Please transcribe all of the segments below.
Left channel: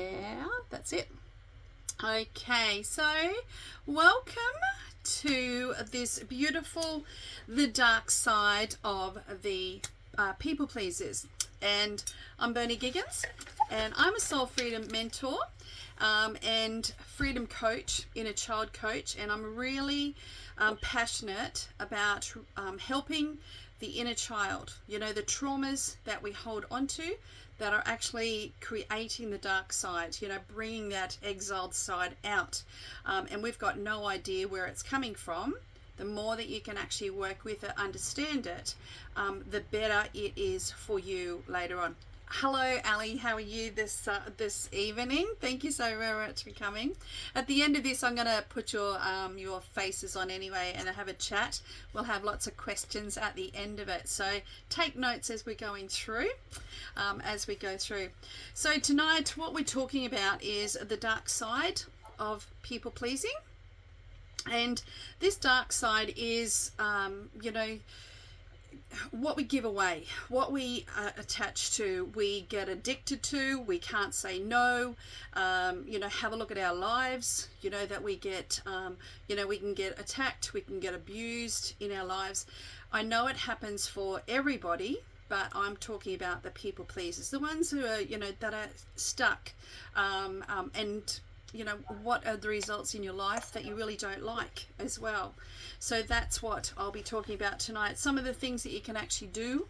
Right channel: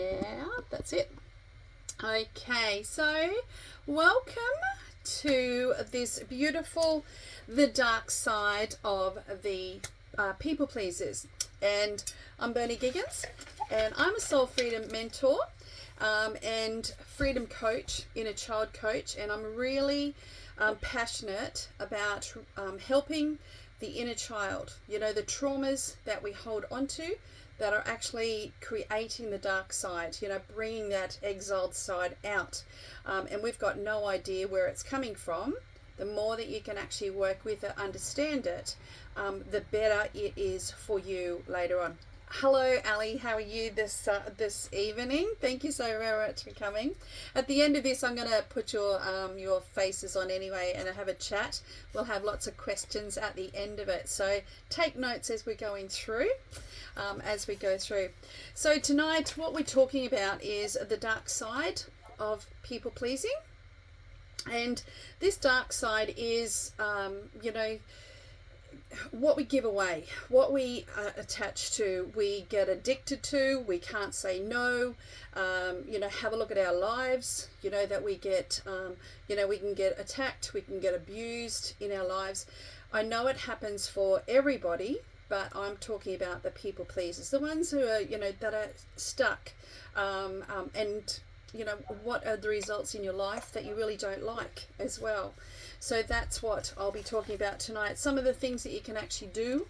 Yeah, that's it. Okay, so welcome to this beautiful, the dark side of the people pleasers. And I'm Bernie Giggins, and I'm a soul freedom mentor and freedom coach, inner child coach, and I'm really passionate about helping the inner child, the traumas that we hold onto that are actually creating the dark side, bringing that exiled side out. And we've got no idea where it's coming from. The more that you can actually work with it, understand it, the better it is for you later on. Hello, Ali. How are you this evening? Thank you so very much for coming. At the end of this, I'm going to put your faces on anyway and have a chat. We'll have lots of questions at the end of it. So take notes as we're going through. So tonight, what we're talking about is the dark side of people pleasing. And this dark side is, what we give away, what we attach to, we get addicted to, we can't say no. Have a look at our lives, that we get, we can get attacked, we can get abused in our lives. I know it happens for everybody, but I'm talking about the people pleasers, the ones who are, that are stuck, and what are the results in your life that you really don't like as well. So that's what I'll be talking about tonight. Some of the things that you can actually do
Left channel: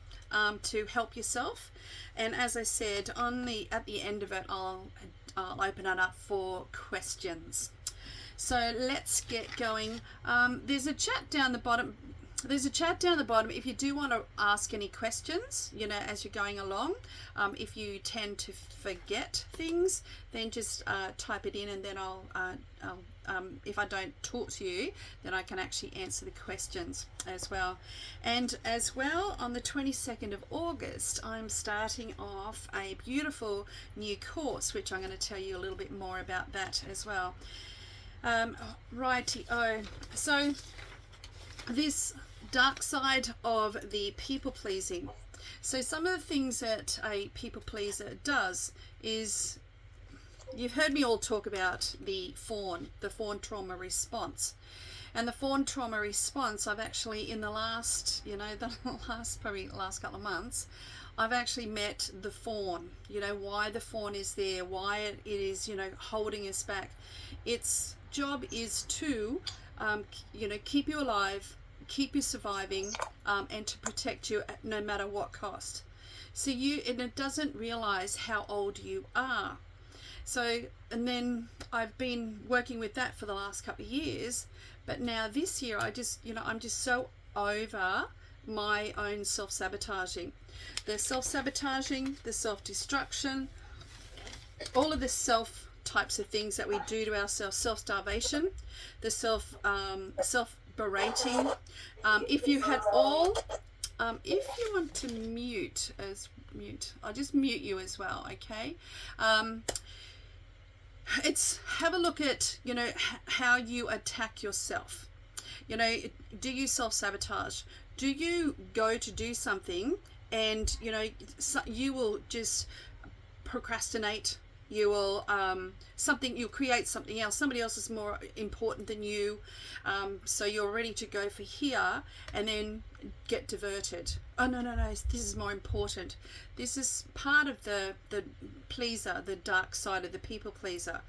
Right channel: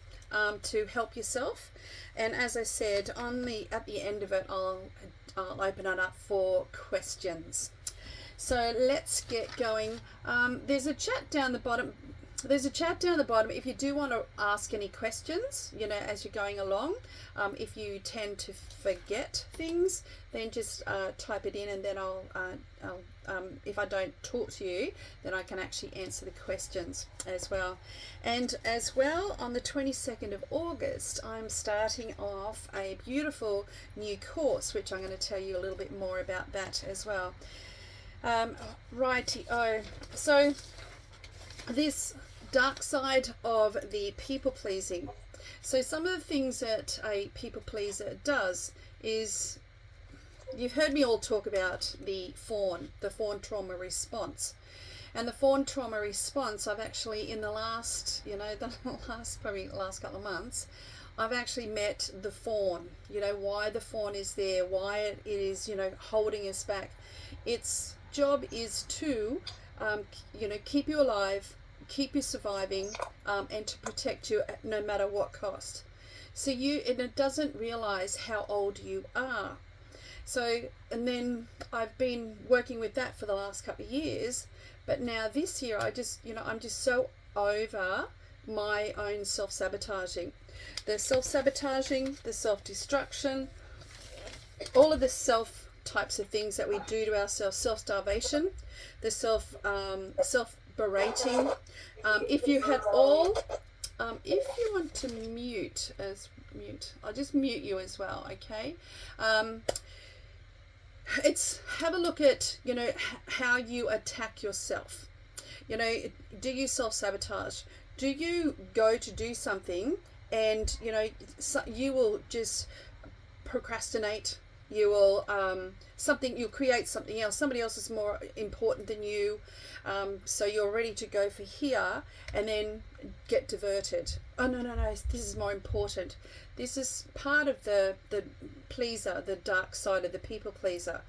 to help yourself. And as I said, at the end of it, I'll open it up for questions. So let's get going. There's a chat down the bottom. If you do want to ask any questions, as you're going along. If you tend to forget things, then just type it in, and then I'll if I don't talk to you, then I can actually answer the questions as well. And as well, on the 22nd of August, I'm starting off a beautiful new course, which I'm going to tell you a little bit more about that as well. Righty-o. So this dark side of the people pleasing. So some of the things that a people pleaser does is, you've heard me all talk about the fawn trauma response. And the fawn trauma response, I've actually, in the last, last couple of months, I've actually met the fawn, why the fawn is there, why it is, holding us back. Its job is to, keep you alive, keep you surviving, and to protect you at no matter what cost. So and it doesn't realize how old you are. So, and then I've been working with that for the last couple of years, but now this year I'm just so over my own self-sabotaging. The self-sabotaging, the self-destruction, all of the self types of things that we do to ourselves, self-starvation, the self-berating. If you want to mute, I'll just mute you as well, okay? Have a look at, how you attack yourself. Do you self-sabotage? Do you go to do something and, you will just procrastinate? You will you'll create something else. Somebody else is more important than you, so you're ready to go for here and then get diverted. Oh no, this is more important. This is part of the pleaser, the dark side of the people pleaser,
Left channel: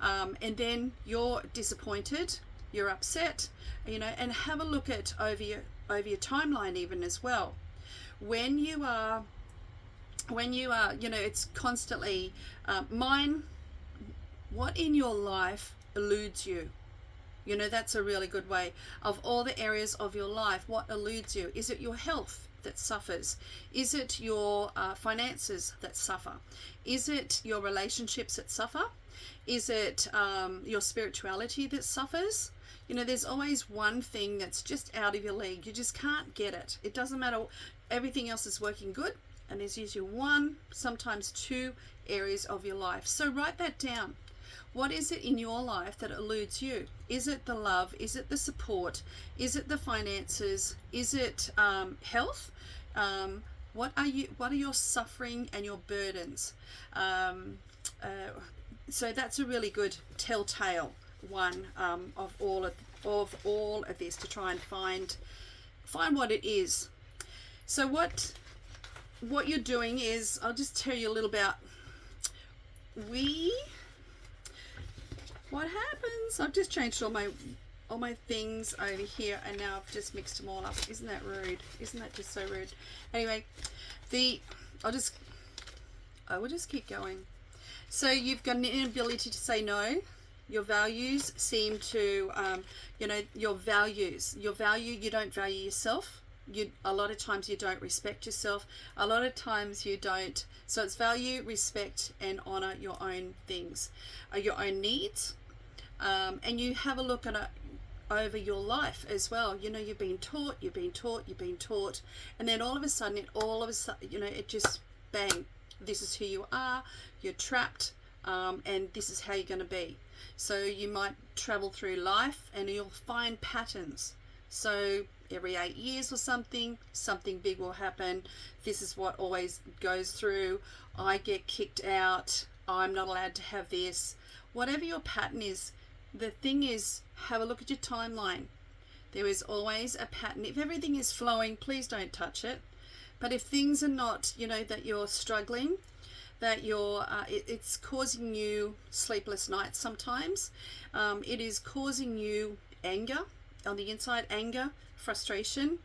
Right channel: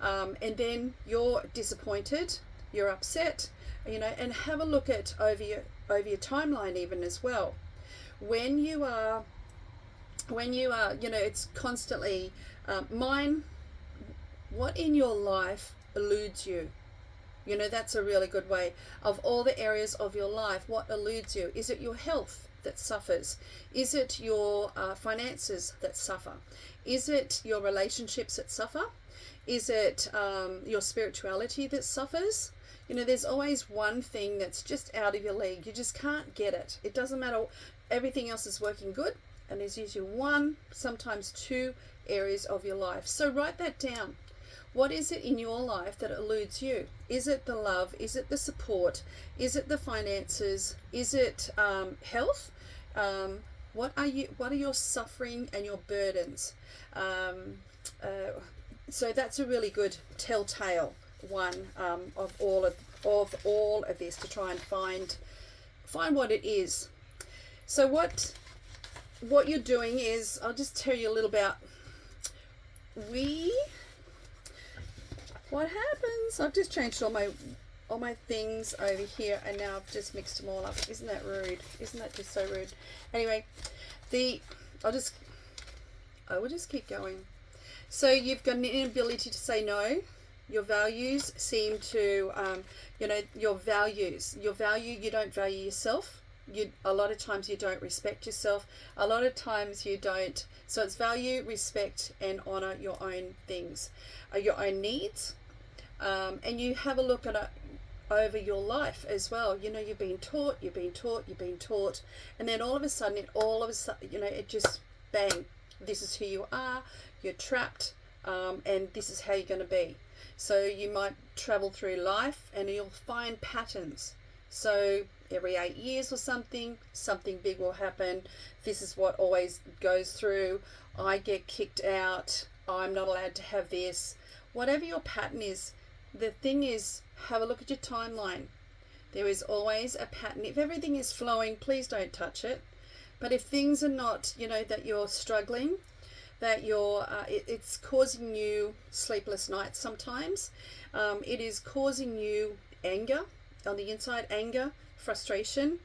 and then you're disappointed, you're upset, and have a look at over your timeline even as well. When you are, it's constantly what in your life eludes you? That's a really good way. Of all the areas of your life, what eludes you? Is it your health that suffers? Is it your finances that suffer? Is it your relationships that suffer? Is it your spirituality that suffers? There's always one thing that's just out of your league. You just can't get it. It doesn't matter. Everything else is working good, and there's usually one, sometimes two areas of your life. So write that down. What is it in your life that eludes you? Is it the love? Is it the support? Is it the finances? Is it health? What are your suffering and your burdens? So that's a really good telltale one, of all of this, to try and find what it is. So what you're doing is, I'll just tell you a little about what happens. I've just changed all my things over here, and now I've just mixed them all up. Isn't that rude? Isn't that just so rude? Anyway, I will just keep going. So you've got an inability to say no. Your values seem to, your values, you don't value yourself. A lot of times you don't respect yourself. A lot of times you don't. So it's value, respect, and honor your own things, your own needs. And you have a look at it over your life as well. You've been taught, and then all of a sudden, it just bang. This is who you are. You're trapped, and this is how you're going to be. So you might travel through life, and you'll find patterns. So every 8 years or something big will happen. This is what always goes through. I get kicked out. I'm not allowed to have this. Whatever your pattern is, the thing is, have a look at your timeline. There is always a pattern. If everything is flowing, please don't touch it. But if things are not, that you're struggling, that it's causing you sleepless nights sometimes. It is causing you anger on the inside, anger, frustration,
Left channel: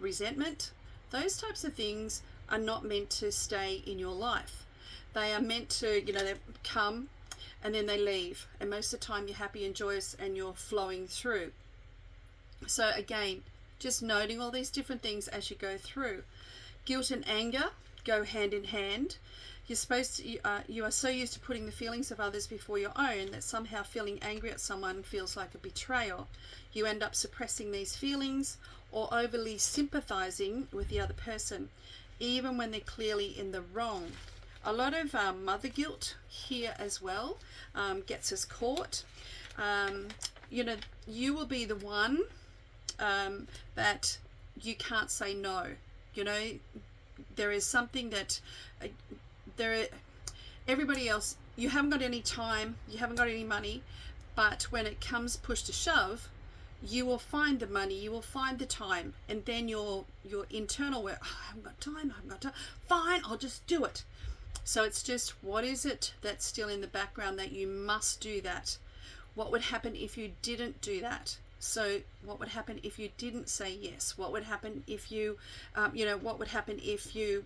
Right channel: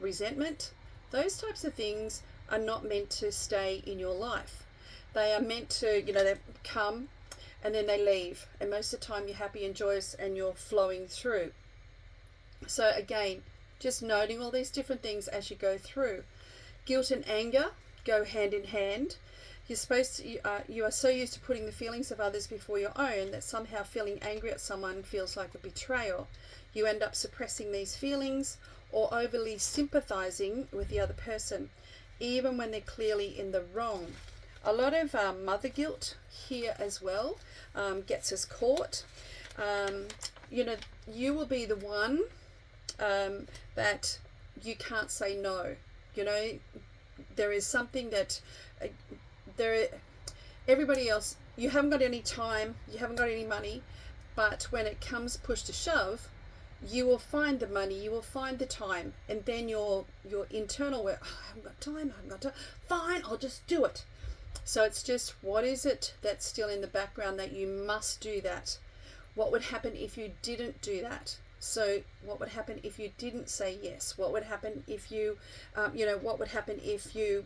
resentment. Those types of things are not meant to stay in your life. They are meant to, they come and then they leave. And most of the time you're happy and joyous and you're flowing through. So again, just noting all these different things as you go through. Guilt and anger go hand in hand. You are so used to putting the feelings of others before your own that somehow feeling angry at someone feels like a betrayal. You end up suppressing these feelings or overly sympathizing with the other person, even when they're clearly in the wrong. A lot of mother guilt here as well gets us caught. You will be the one that you can't say no. There is something that everybody else, you haven't got any time, you haven't got any money, but when it comes push to shove, you will find the money, you will find the time, and then your internal work, I haven't got time, fine, I'll just do it. So it's just, what is it that's still in the background that you must do that? What would happen if you didn't do that? So what would happen if you didn't say yes? What would happen if you, what would happen if you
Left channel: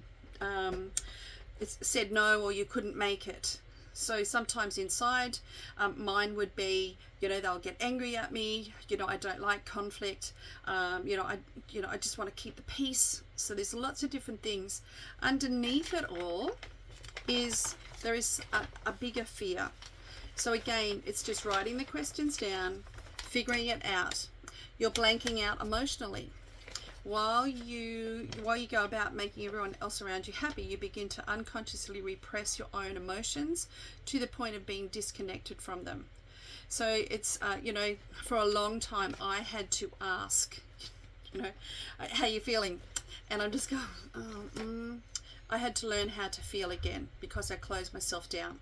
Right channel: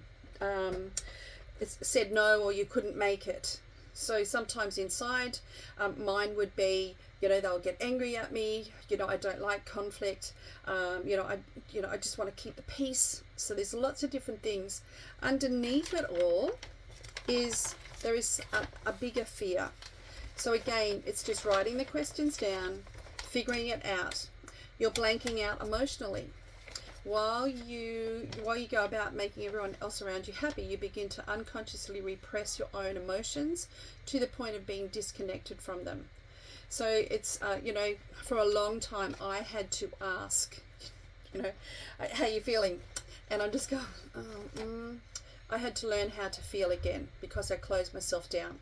said no, or you couldn't make it? So sometimes inside, mine would be, they'll get angry at me. I don't like conflict. I just want to keep the peace. So there's lots of different things. Underneath it all there is a bigger fear. So again, it's just writing the questions down, figuring it out. You're blanking out emotionally. While you go about making everyone else around you happy, you begin to unconsciously repress your own emotions to the point of being disconnected from them. So it's, for a long time I had to ask, how you feeling? And I'm just going, I had to learn how to feel again, because I closed myself down.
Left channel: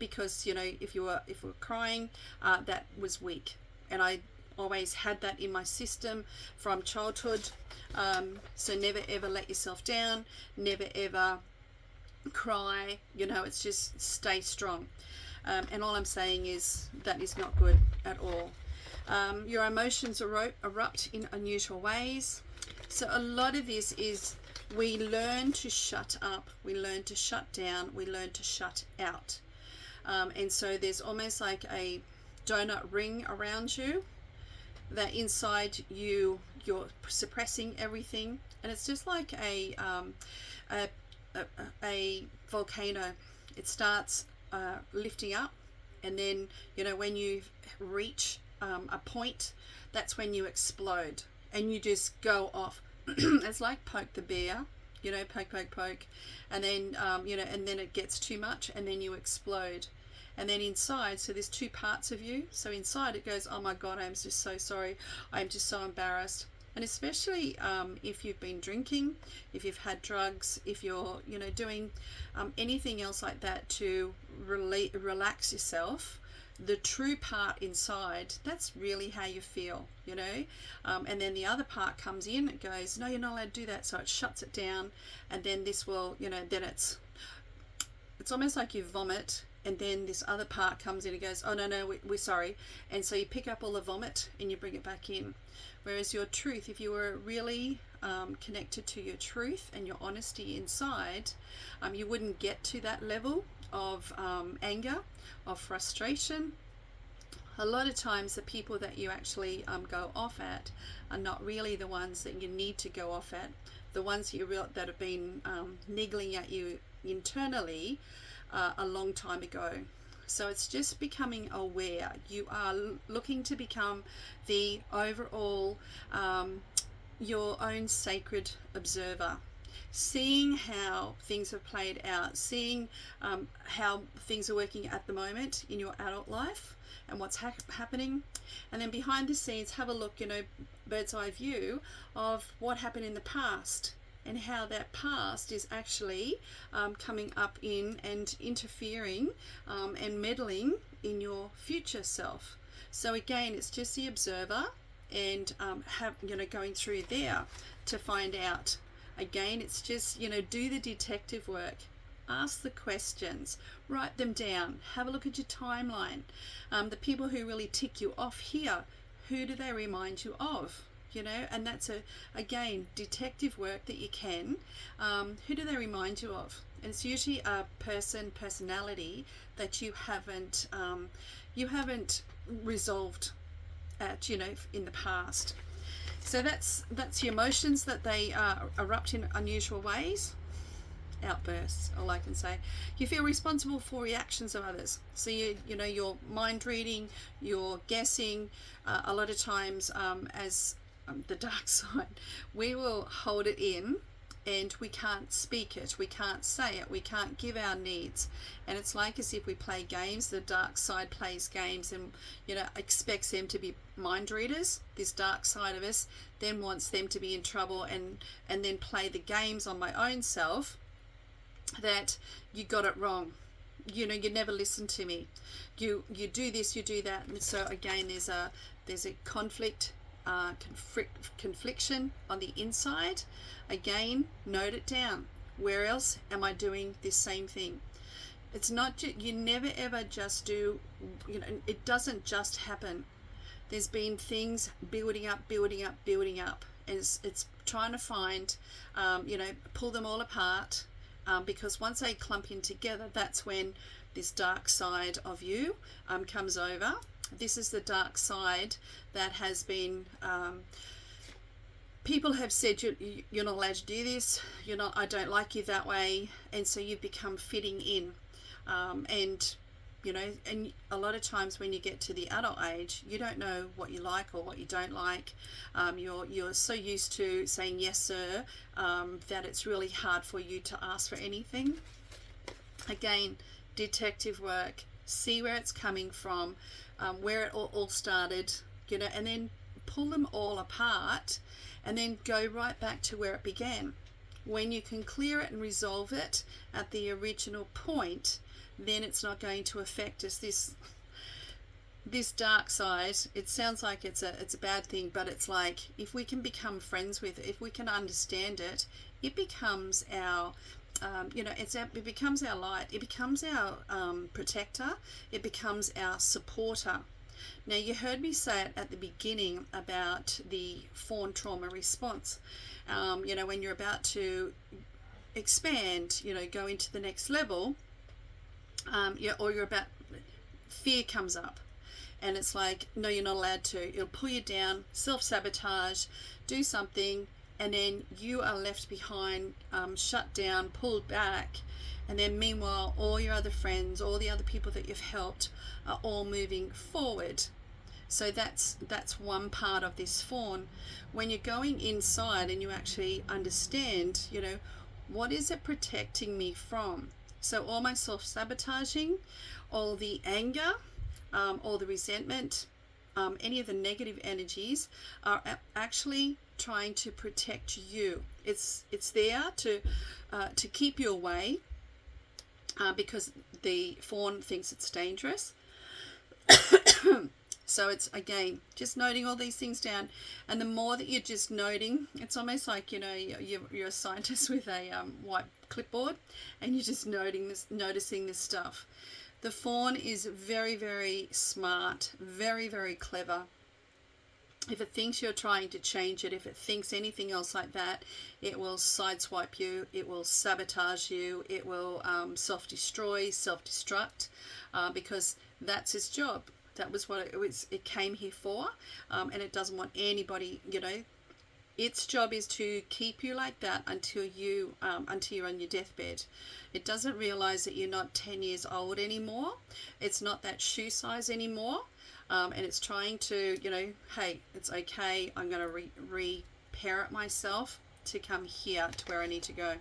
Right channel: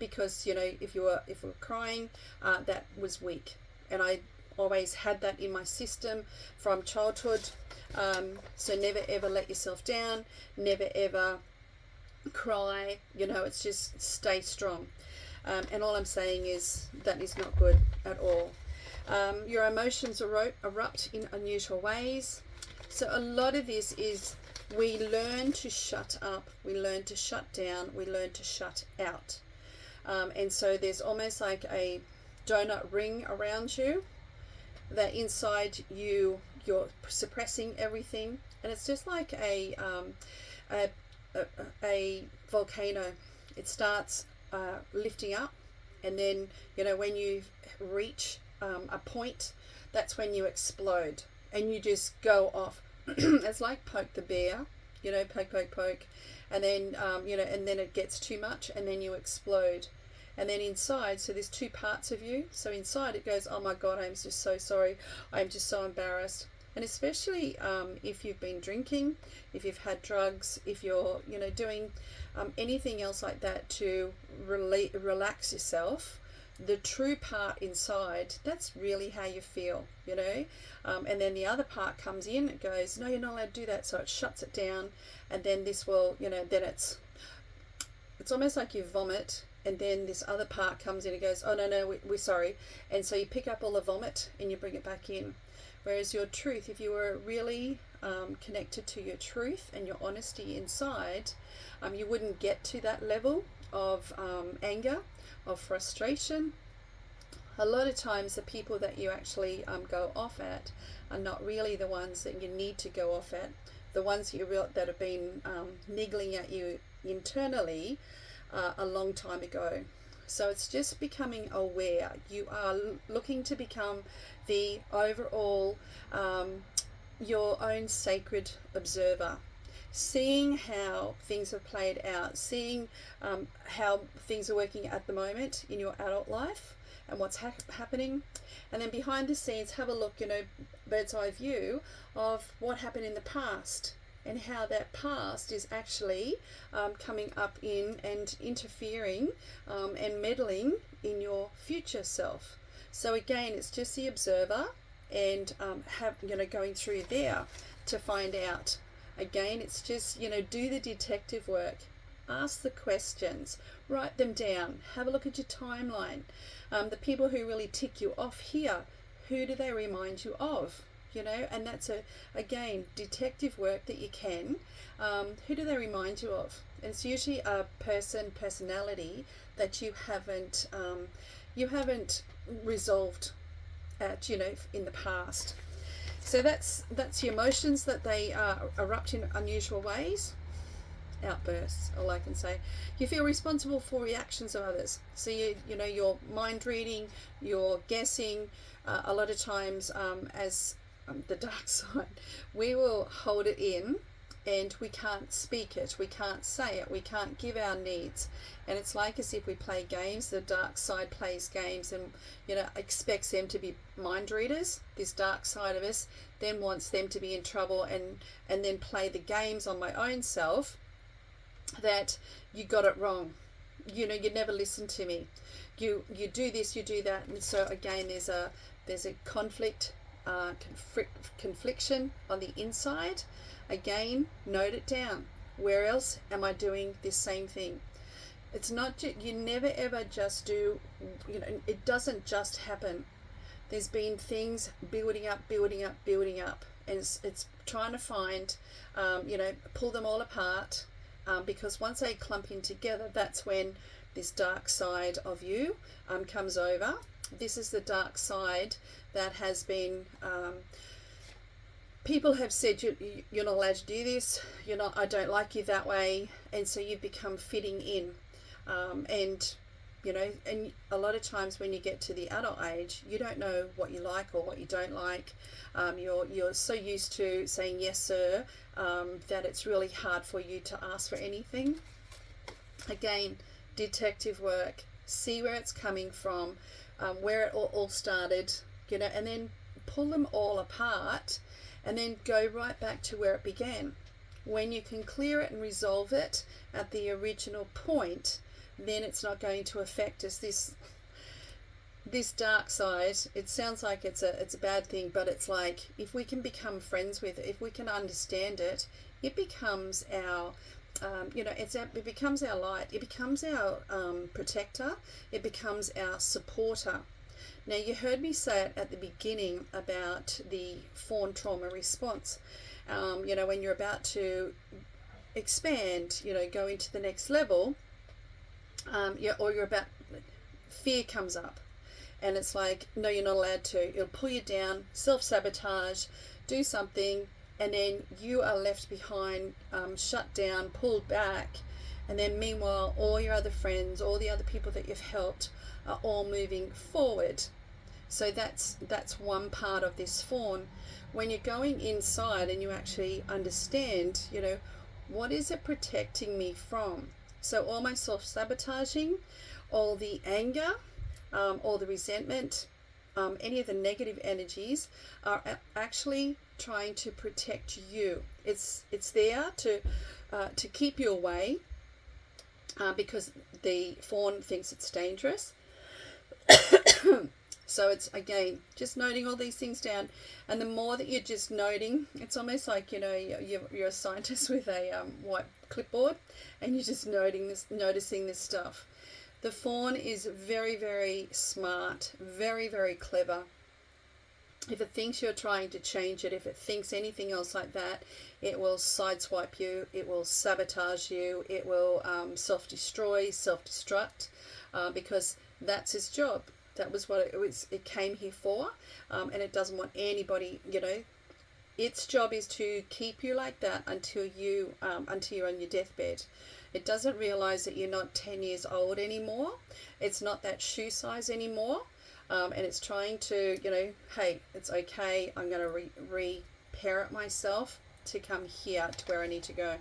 Because, if you were crying, that was weak. And I always had that in my system from childhood. So never ever let yourself down, never ever cry. It's just stay strong. And all I'm saying is that is not good at all. Your emotions erupt in unusual ways. So a lot of this is, we learn to shut up, we learn to shut down, we learn to shut out. And so there's almost like a donut ring around you, that inside you're suppressing everything, and it's just like a volcano. It starts lifting up, and then when you reach a point, that's when you explode and you just go off. It's like poke the bear, poke, and then and then it gets too much, and then you explode. And then inside, so there's two parts of you. So inside it goes, oh my God, I'm just so sorry. I'm just so embarrassed. And especially if you've been drinking, if you've had drugs, if you're, doing anything else like that to relax yourself, the true part inside, that's really how you feel, and then the other part comes in, it goes, no, you're not allowed to do that, so it shuts it down. And then this will, then it's almost like you vomit, and then this other part comes in and goes, oh no, we're sorry. And so you pick up all the vomit and you bring it back in. Whereas your truth, if you were really connected to your truth and your honesty inside, you wouldn't get to that level of anger, of frustration. A lot of times the people that you actually go off at are not really the ones that you need to go off at. The ones that have been niggling at you internally a long time ago. So it's just becoming aware. You are looking to become the overall your own sacred observer, seeing how things have played out, seeing how things are working at the moment in your adult life and what's happening. And then behind the scenes, have a look, bird's eye view of what happened in the past, and how that past is actually coming up in and interfering and meddling in your future self. So again, it's just the observer, and going through there to find out. Again, it's just, do the detective work, ask the questions, write them down, have a look at your timeline. The people who really tick you off here, who do they remind you of? And that's again, detective work that you can. Who do they remind you of? And it's usually a personality that you haven't resolved at, in the past. So that's your emotions, that they erupt in unusual ways, outbursts, all I can say. You feel responsible for reactions of others. So you're mind reading, you're guessing. A lot of times, as the dark side, we will hold it in, and we can't speak it, we can't say it, we can't give our needs. And it's like as if we play games. The dark side plays games and expects them to be mind readers. This dark side of us then wants them to be in trouble, and then play the games on my own self, that you got it wrong, you never listen to me, you do this, you do that. And so again, there's a conflict, confliction on the inside. Again, note it down. Where else am I doing this same thing? It's not, you never ever just do, it doesn't just happen. There's been things building up, and it's trying to find, pull them all apart, because once they clump in together, that's when this dark side of you comes over. This is the dark side that has been, people have said you're not allowed to do this, I don't like you that way, and so you've become fitting in. And a lot of times when you get to the adult age, you don't know what you like or what you don't like. You're so used to saying yes sir, that it's really hard for you to ask for anything. Again, detective work, see where it's coming from, where it all started, and then pull them all apart, and then go right back to where it began. When you can clear it and resolve it at the original point, then it's not going to affect us. This dark side, it sounds like it's a bad thing, but it's like, if we can become friends with it, if we can understand it, it becomes our it becomes our light, it becomes our protector, it becomes our supporter. Now, you heard me say it at the beginning about the fawn trauma response. When you're about to expand, go into the next level, or you're about, fear comes up, and it's like, no, you're not allowed to. It'll pull you down, self-sabotage, do something, and then you are left behind, shut down, pulled back. And then meanwhile, all your other friends, all the other people that you've helped are all moving forward. So that's one part of this fawn. When you're going inside and you actually understand, what is it protecting me from? So all my self-sabotaging, all the anger, all the resentment, any of the negative energies are actually trying to protect you. It's there to keep you away, because the fawn thinks it's dangerous. So it's, again, just noting all these things down. And the more that you're just noting, it's almost like, you know, you're a scientist with a white clipboard, and you're just noticing this stuff. The fawn is very, very smart, very, very clever. If it thinks you're trying to change it, if it thinks anything else like that, it will sideswipe you, it will sabotage you, it will self-destroy, self-destruct, because that's its job. That was what it came here for, and it doesn't want anybody, you know, its job is to keep you like that until you're on your deathbed. It doesn't realize that you're not 10 years old anymore. It's not that shoe size anymore. And it's trying to, you know, hey, it's okay. I'm going to reparent myself to come here to where I need to go.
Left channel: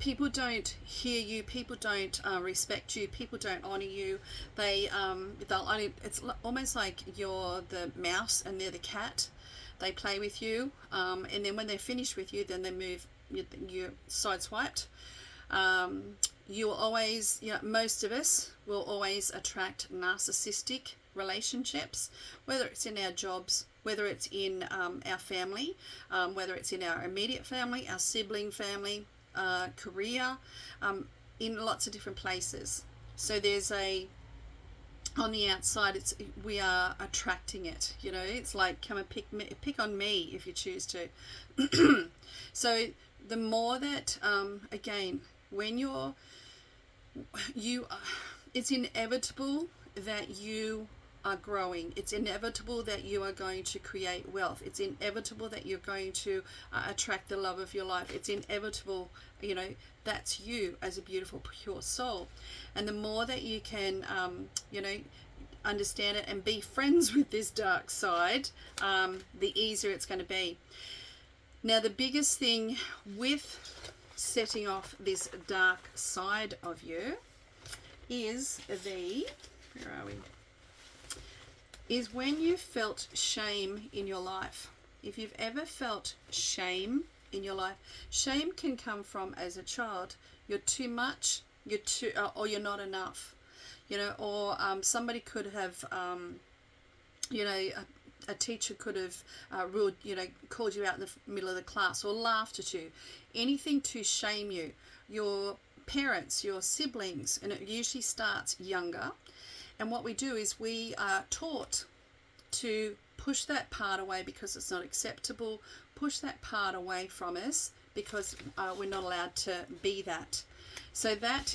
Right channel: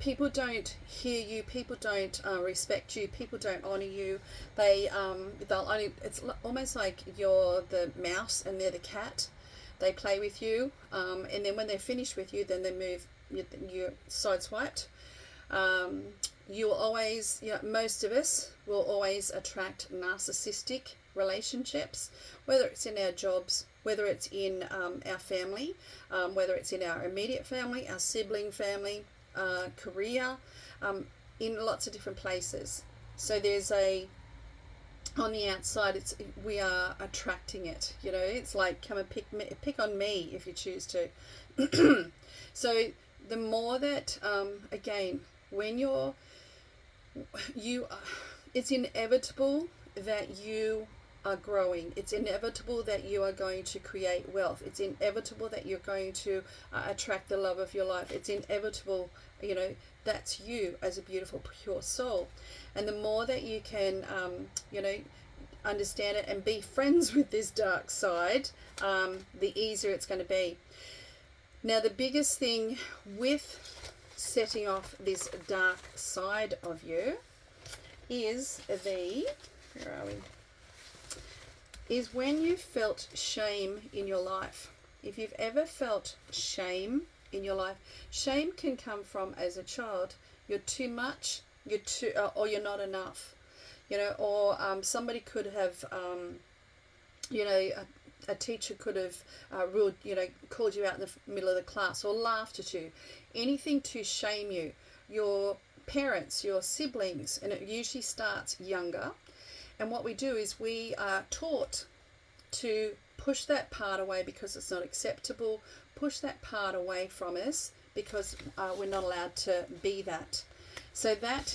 People don't hear you. People don't respect you. People don't honor you. They'll only. It's almost like you're the mouse and they're the cat. They play with you, and then when they're finished with you, then they move. You're sideswiped. You will always, you know, most of us will always attract narcissistic relationships, whether it's in our jobs, whether it's in our family, whether it's in our immediate family, our sibling family, career, in lots of different places. So there's on the outside, we are attracting it. You know, it's like, come and pick on me if you choose to. So the more that, again, when it's inevitable that you are growing. It's inevitable that you are going to create wealth. It's inevitable that you're going to attract the love of your life. It's inevitable, you know, that's you as a beautiful, pure soul. And the more that you can, you know, understand it and be friends with this dark side, the easier it's going to be. Now, the biggest thing with setting off this dark side of you is where are we? Is when you felt shame in your life. If you've ever felt shame in your life, shame can come from as a child. You're too much, or you're not enough, you know, or somebody could have, you know, a teacher could have ruled, you know, called you out in the middle of the class or laughed at you. Anything to shame you. Your parents, your siblings, and it usually starts younger. And what we do is we are taught to push that part away because it's not acceptable, push that part away from us because we're not allowed to be that. So that,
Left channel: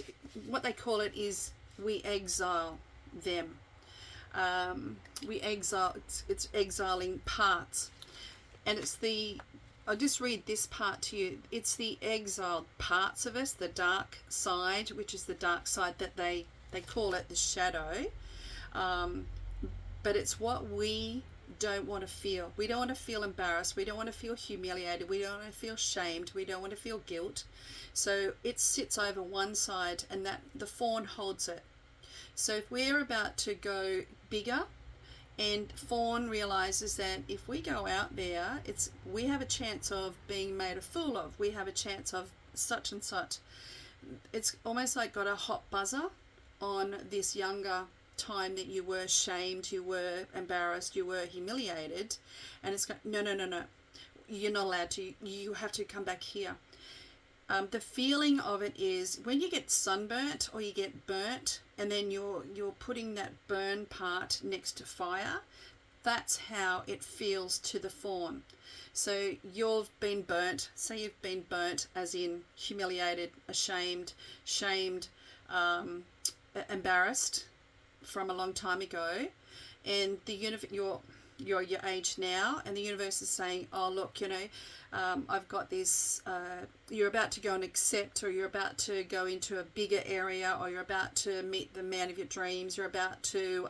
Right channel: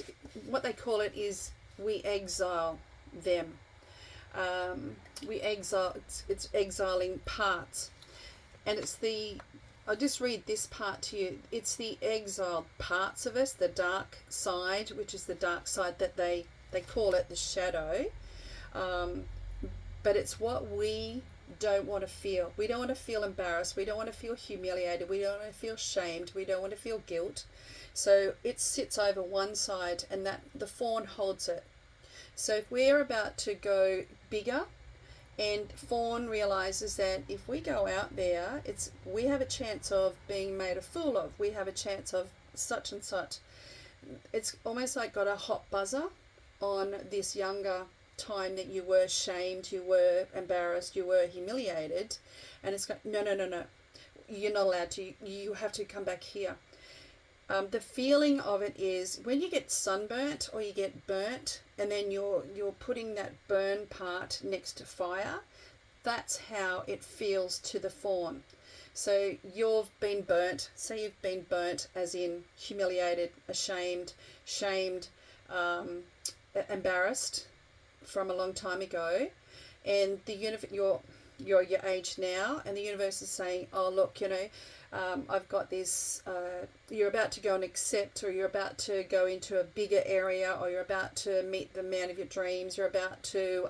what they call it is, we exile them. We exile, it's exiling parts. And it's I'll just read this part to you. It's the exiled parts of us, the dark side, which is the dark side that they call it the shadow. But it's what we don't want to feel. We don't want to feel embarrassed. We don't want to feel humiliated. We don't want to feel shamed. We don't want to feel guilt. So it sits over one side, and that the fawn holds it. So if we're about to go bigger, and fawn realizes that if we go out there, we have a chance of being made a fool of. We have a chance of such and such. It's almost like got a hot buzzer on this younger time that you were shamed, you were embarrassed, you were humiliated, and it's like, no, you're not allowed to. You have to come back here. The feeling of it is when you get sunburnt or you get burnt, and then you're putting that burn part next to fire. That's how it feels to the fawn. So you've been burnt. Say you've been burnt, as in humiliated, ashamed, shamed, embarrassed from a long time ago, and you're your age now, and the universe is saying, oh look, you know, I've got this, you're about to go and accept, or you're about to go into a bigger area, or you're about to meet the man of your dreams, you're about to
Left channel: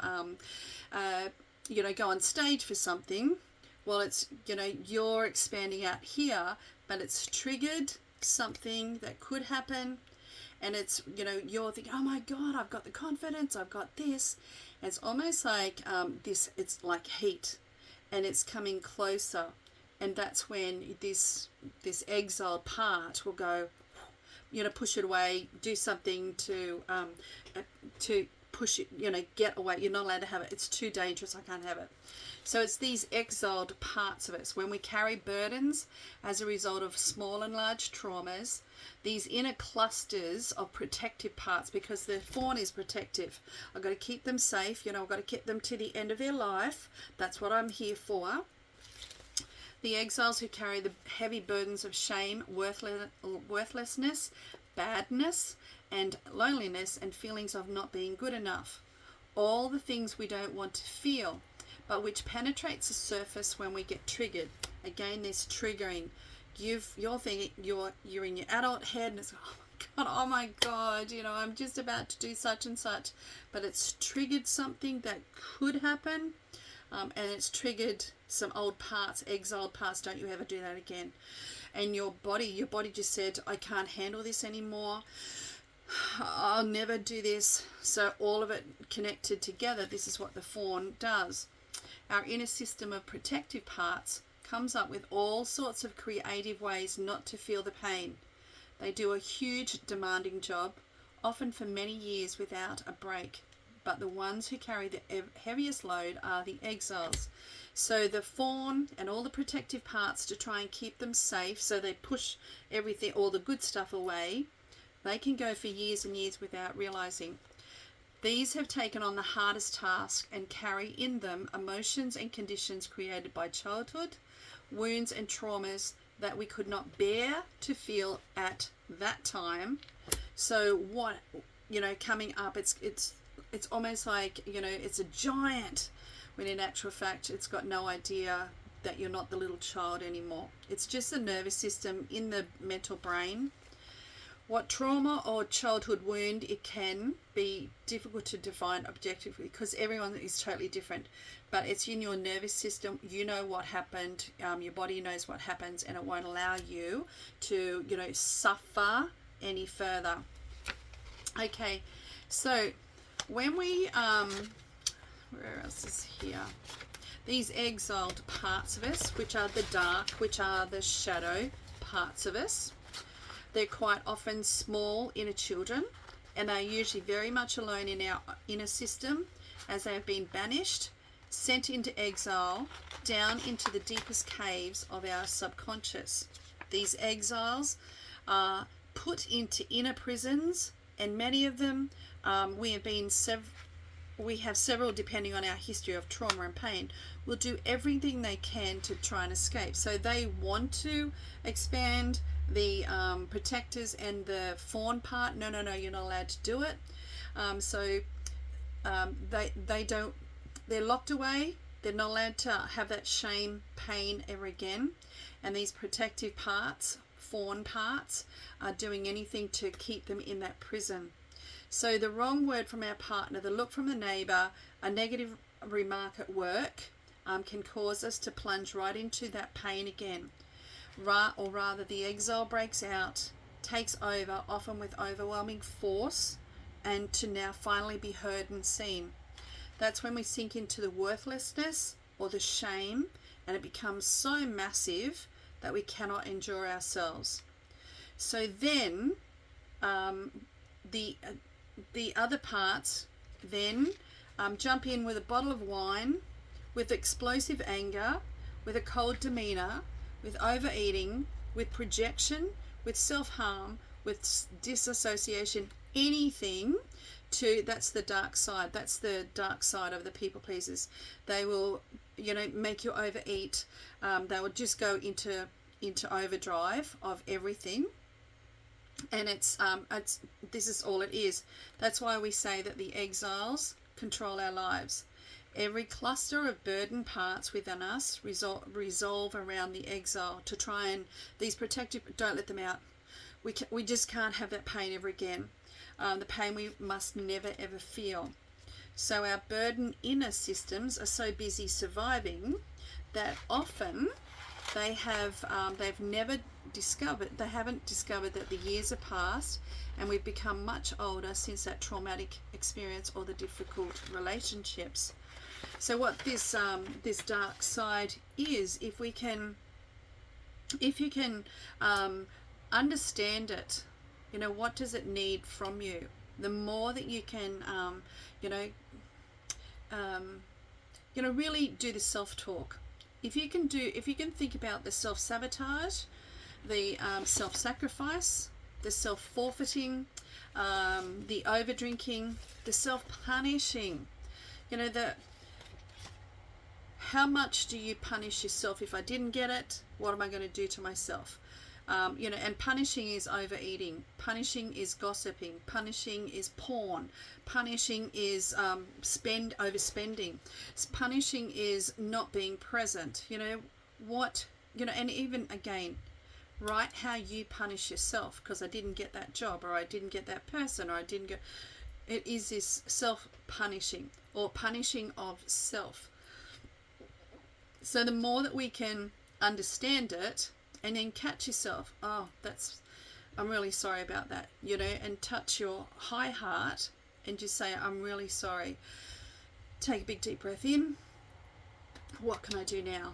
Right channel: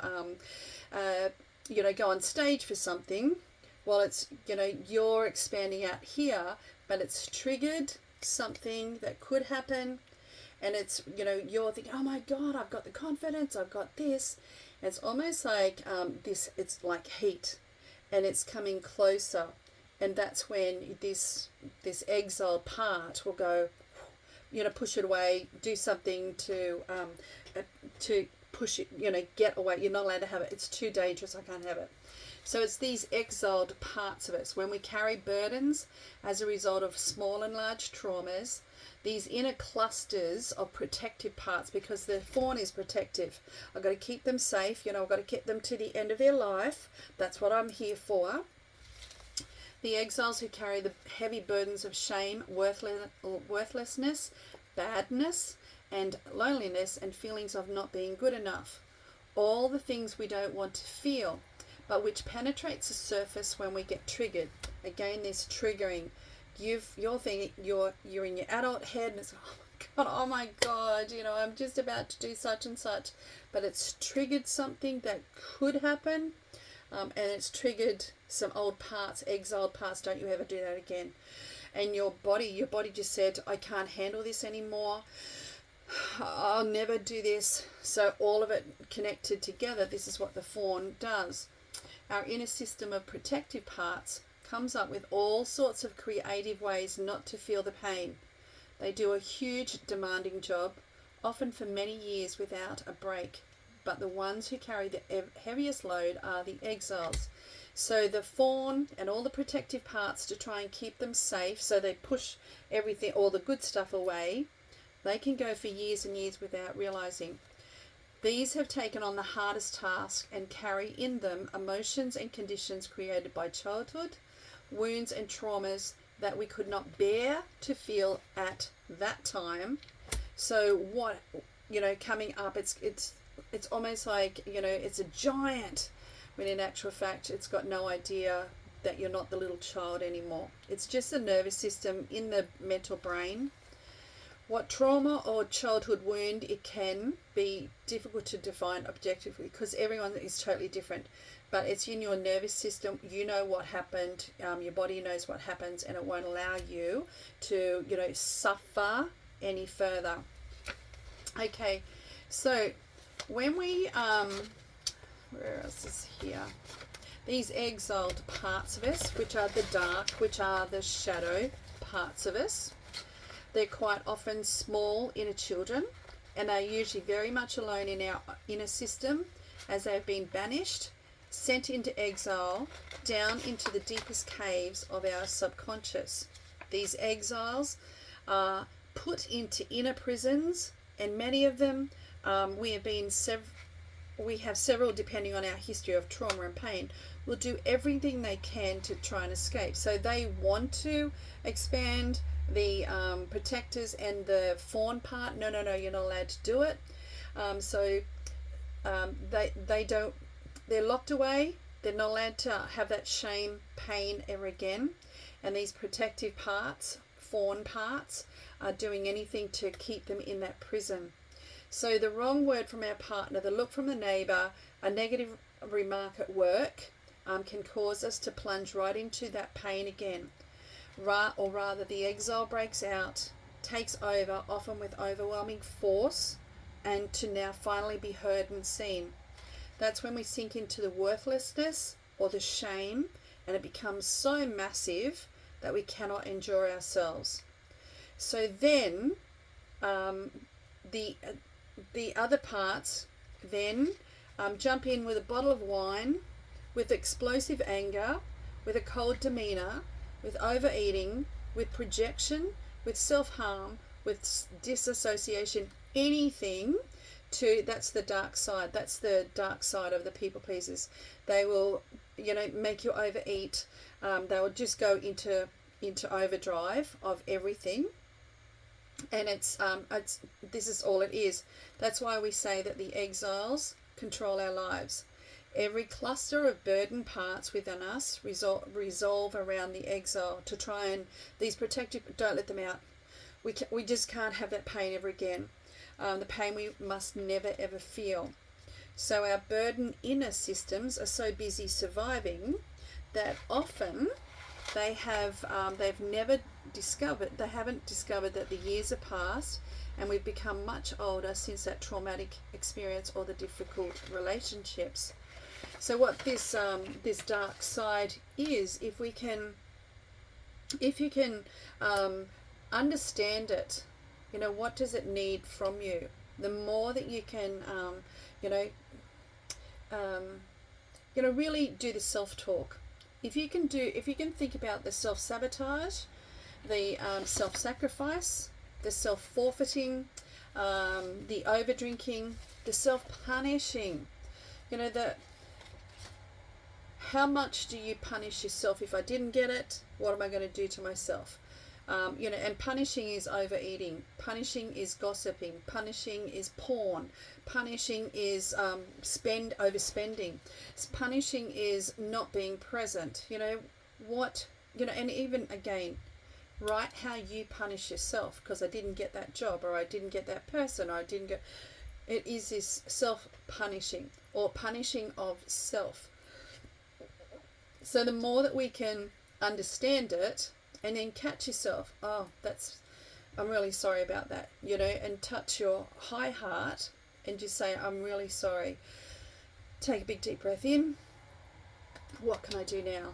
you know, go on stage for something. Well, it's, you know, you're expanding out here, but it's triggered something that could happen, and it's, you're thinking, oh my God, I've got the confidence, I've got this. And it's almost like this, it's like heat, and it's coming closer, and that's when this exiled part will go, push it away, do something to push it, get away. You're not allowed to have it. It's too dangerous. I can't have it. So it's these exiled parts of us. When we carry burdens as a result of small and large traumas, these inner clusters of protective parts, because the fawn is protective. I've got to keep them safe. I've got to keep them to the end of their life. That's what I'm here for. The exiles who carry the heavy burdens of shame, worthlessness, badness, and loneliness, and feelings of not being good enough. All the things we don't want to feel, but which penetrates the surface when we get triggered. Again, this triggering. You're thinking, you're in your adult head, and it's, oh my God, I'm just about to do such and such. But it's triggered something that could happen, and it's triggered some old parts, exiled parts. Don't you ever do that again. And your body just said, I can't handle this anymore. I'll never do this. So all of it connected together, this is what the fawn does. Our inner system of protective parts comes up with all sorts of creative ways not to feel the pain. They do a huge demanding job, often for many years without a break. But the ones who carry the heaviest load are the exiles. So the fawn and all the protective parts to try and keep them safe, so they push everything, all the good stuff away, they can go for years and years without realizing. These have taken on the hardest task and carry in them emotions and conditions created by childhood, wounds and traumas that we could not bear to feel at that time. So what, coming up, it's almost like, it's a giant, when in actual fact it's got no idea that you're not the little child anymore. It's just the nervous system in the mental brain. What trauma or childhood wound, it can be difficult to define objectively because everyone is totally different. But it's in your nervous system. You know what happened. Your body knows what happens, and it won't allow you to, suffer any further. Okay, so when we, where else is here? These exiled parts of us, which are the dark, which are the shadow parts of us. They're quite often small inner children, and they're usually very much alone in our inner system as they have been banished, sent into exile, down into the deepest caves of our subconscious. These exiles are put into inner prisons, and many of them, we have several, depending on our history of trauma and pain, will do everything they can to try and escape. So they want to expand the protectors and the fawn part. No, you're not allowed to do it. They don't, they're locked away. They're not allowed to have that shame, pain ever again. And these protective parts, fawn parts, are doing anything to keep them in that prison. So the wrong word from our partner, the look from the neighbour, a negative remark at work can cause us to plunge right into that pain again. Or rather, the exile breaks out, takes over, often with overwhelming force, and to now finally be heard and seen. That's when we sink into the worthlessness or the shame, and it becomes so massive that we cannot endure ourselves. So then the other parts then jump in with a bottle of wine, with explosive anger, with a cold demeanour, with overeating, with projection, with self-harm, with disassociation, anything to, that's the dark side. That's the dark side of the people pleasers. They will, make you overeat. They will just go into overdrive of everything. And it's this is all it is. That's why we say that the exiles control our lives. Every cluster of burden parts within us resolve around the exile to try and, these protective, don't let them out. We just can't have that pain ever again. The pain we must never ever feel. So our burden inner systems are so busy surviving that often they've never haven't discovered that the years have passed and we've become much older since that traumatic experience or the difficult relationships. So what this dark side is, if you can understand it, what does it need from you? The more that you can, really do the self-talk. If you can think about the self-sabotage, the self-sacrifice, the self-forfeiting, the over-drinking, the self-punishing, how much do you punish yourself? If I didn't get it, what am I going to do to myself? And punishing is overeating, punishing is gossiping, punishing is porn, punishing is overspending, punishing is not being present. And even again, write how you punish yourself, because I didn't get that job, or I didn't get that person, or I didn't get. It is this self-punishing or punishing of self. So the more that we can understand it, and then catch yourself, I'm really sorry about that, and touch your high heart and just say, I'm really sorry. Take a big deep breath in. What can I do now?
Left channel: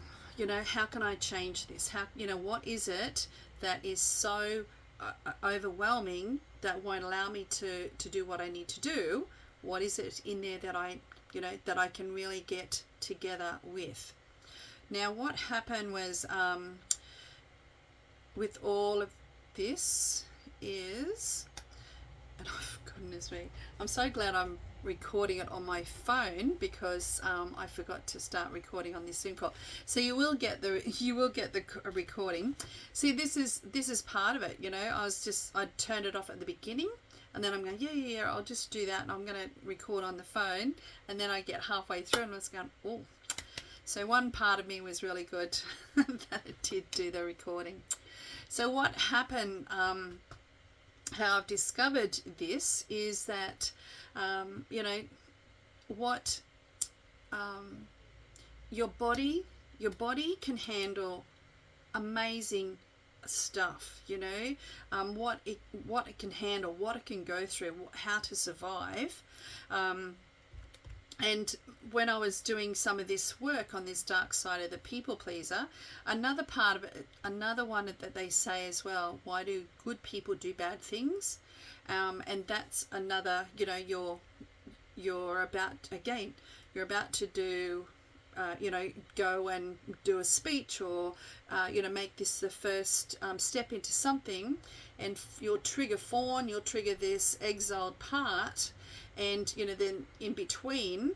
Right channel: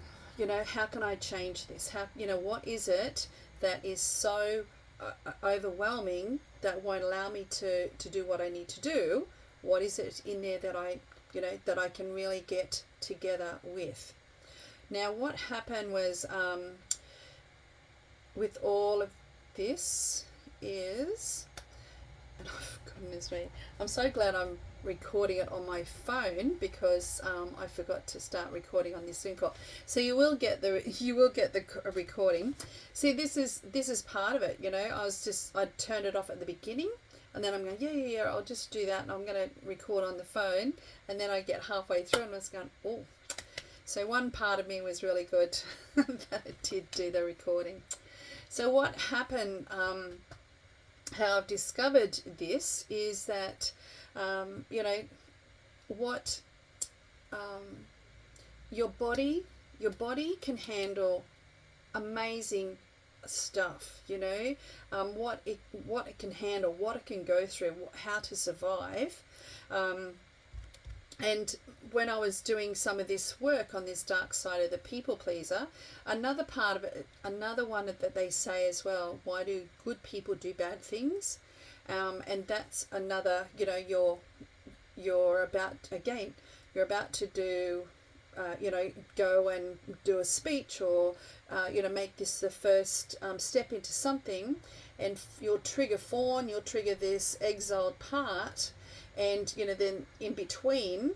How can I change this? What is it that is so overwhelming that won't allow me to do what I need to do? What is it in there that I can really get together with? Now, what happened was, with all of this is, and oh goodness me, I'm so glad I'm recording it on my phone, because I forgot to start recording on this Zoom call. So you will get the recording. See, this is part of it. I turned it off at the beginning, and then I'm going, yeah, I'll just do that, and I'm going to record on the phone, and then I get halfway through and I was going, oh. So one part of me was really good that it did do the recording. So what happened, how I've discovered this is that, your body can handle amazing stuff, what it can handle, what it can go through, how to survive. And when I was doing some of this work on this dark side of the people pleaser, another part of it, another one that they say as well, why do good people do bad things? And that's another, you're about to do, go and do a speech, or, make this the first step into something, and you'll trigger fawn, you'll trigger this exiled part. And then in between,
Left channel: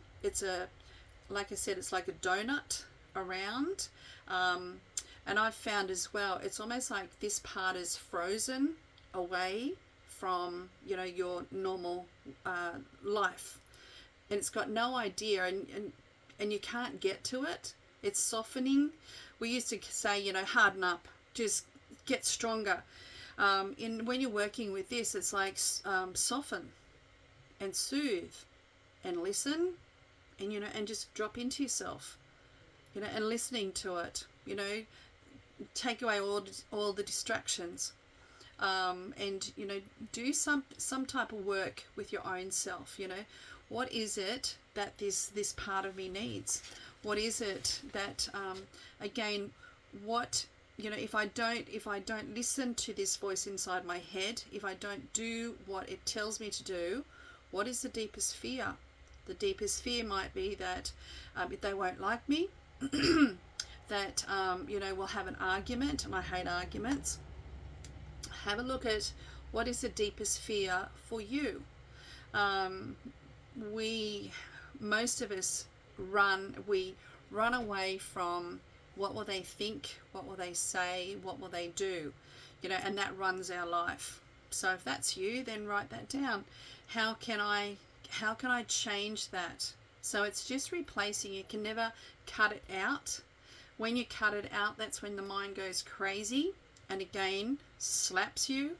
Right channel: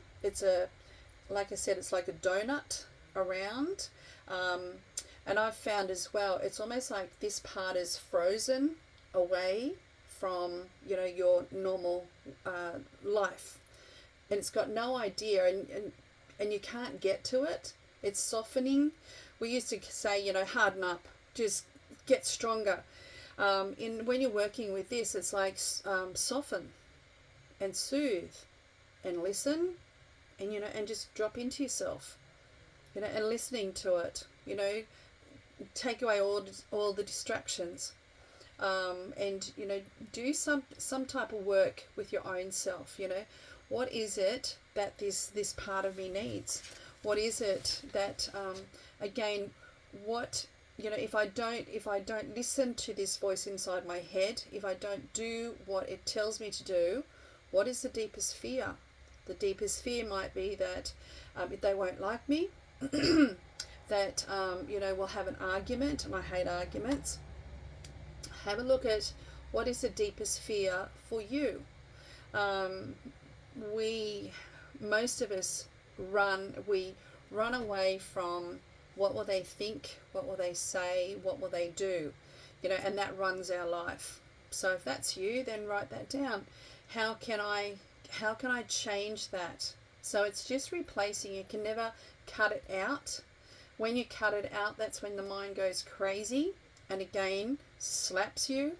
like I said, it's like a donut around, and I've found as well, it's almost like this part is frozen away from your normal life, and it's got no idea, and you can't get to it. It's softening. We used to say, harden up, just get stronger. When you're working with this, it's like soften and soothe and listen, and and just drop into yourself, and listening to it, take away all the distractions, and do some type of work with your own self. What is it that this part of me needs? What is it that again, what if I don't listen to this voice inside my head, if I don't do what it tells me to do, what is the deepest fear? The deepest fear might be that they won't like me, that we'll have an argument, and I hate arguments. Have a look at what is the deepest fear for you. Most of us run away from what will they think, what will they say, what will they do, and that runs our life. So if that's you, then write that down. How can I change that? So it's just replacing. You can never cut it out. When you cut it out, that's when the mind goes crazy, and again slaps you,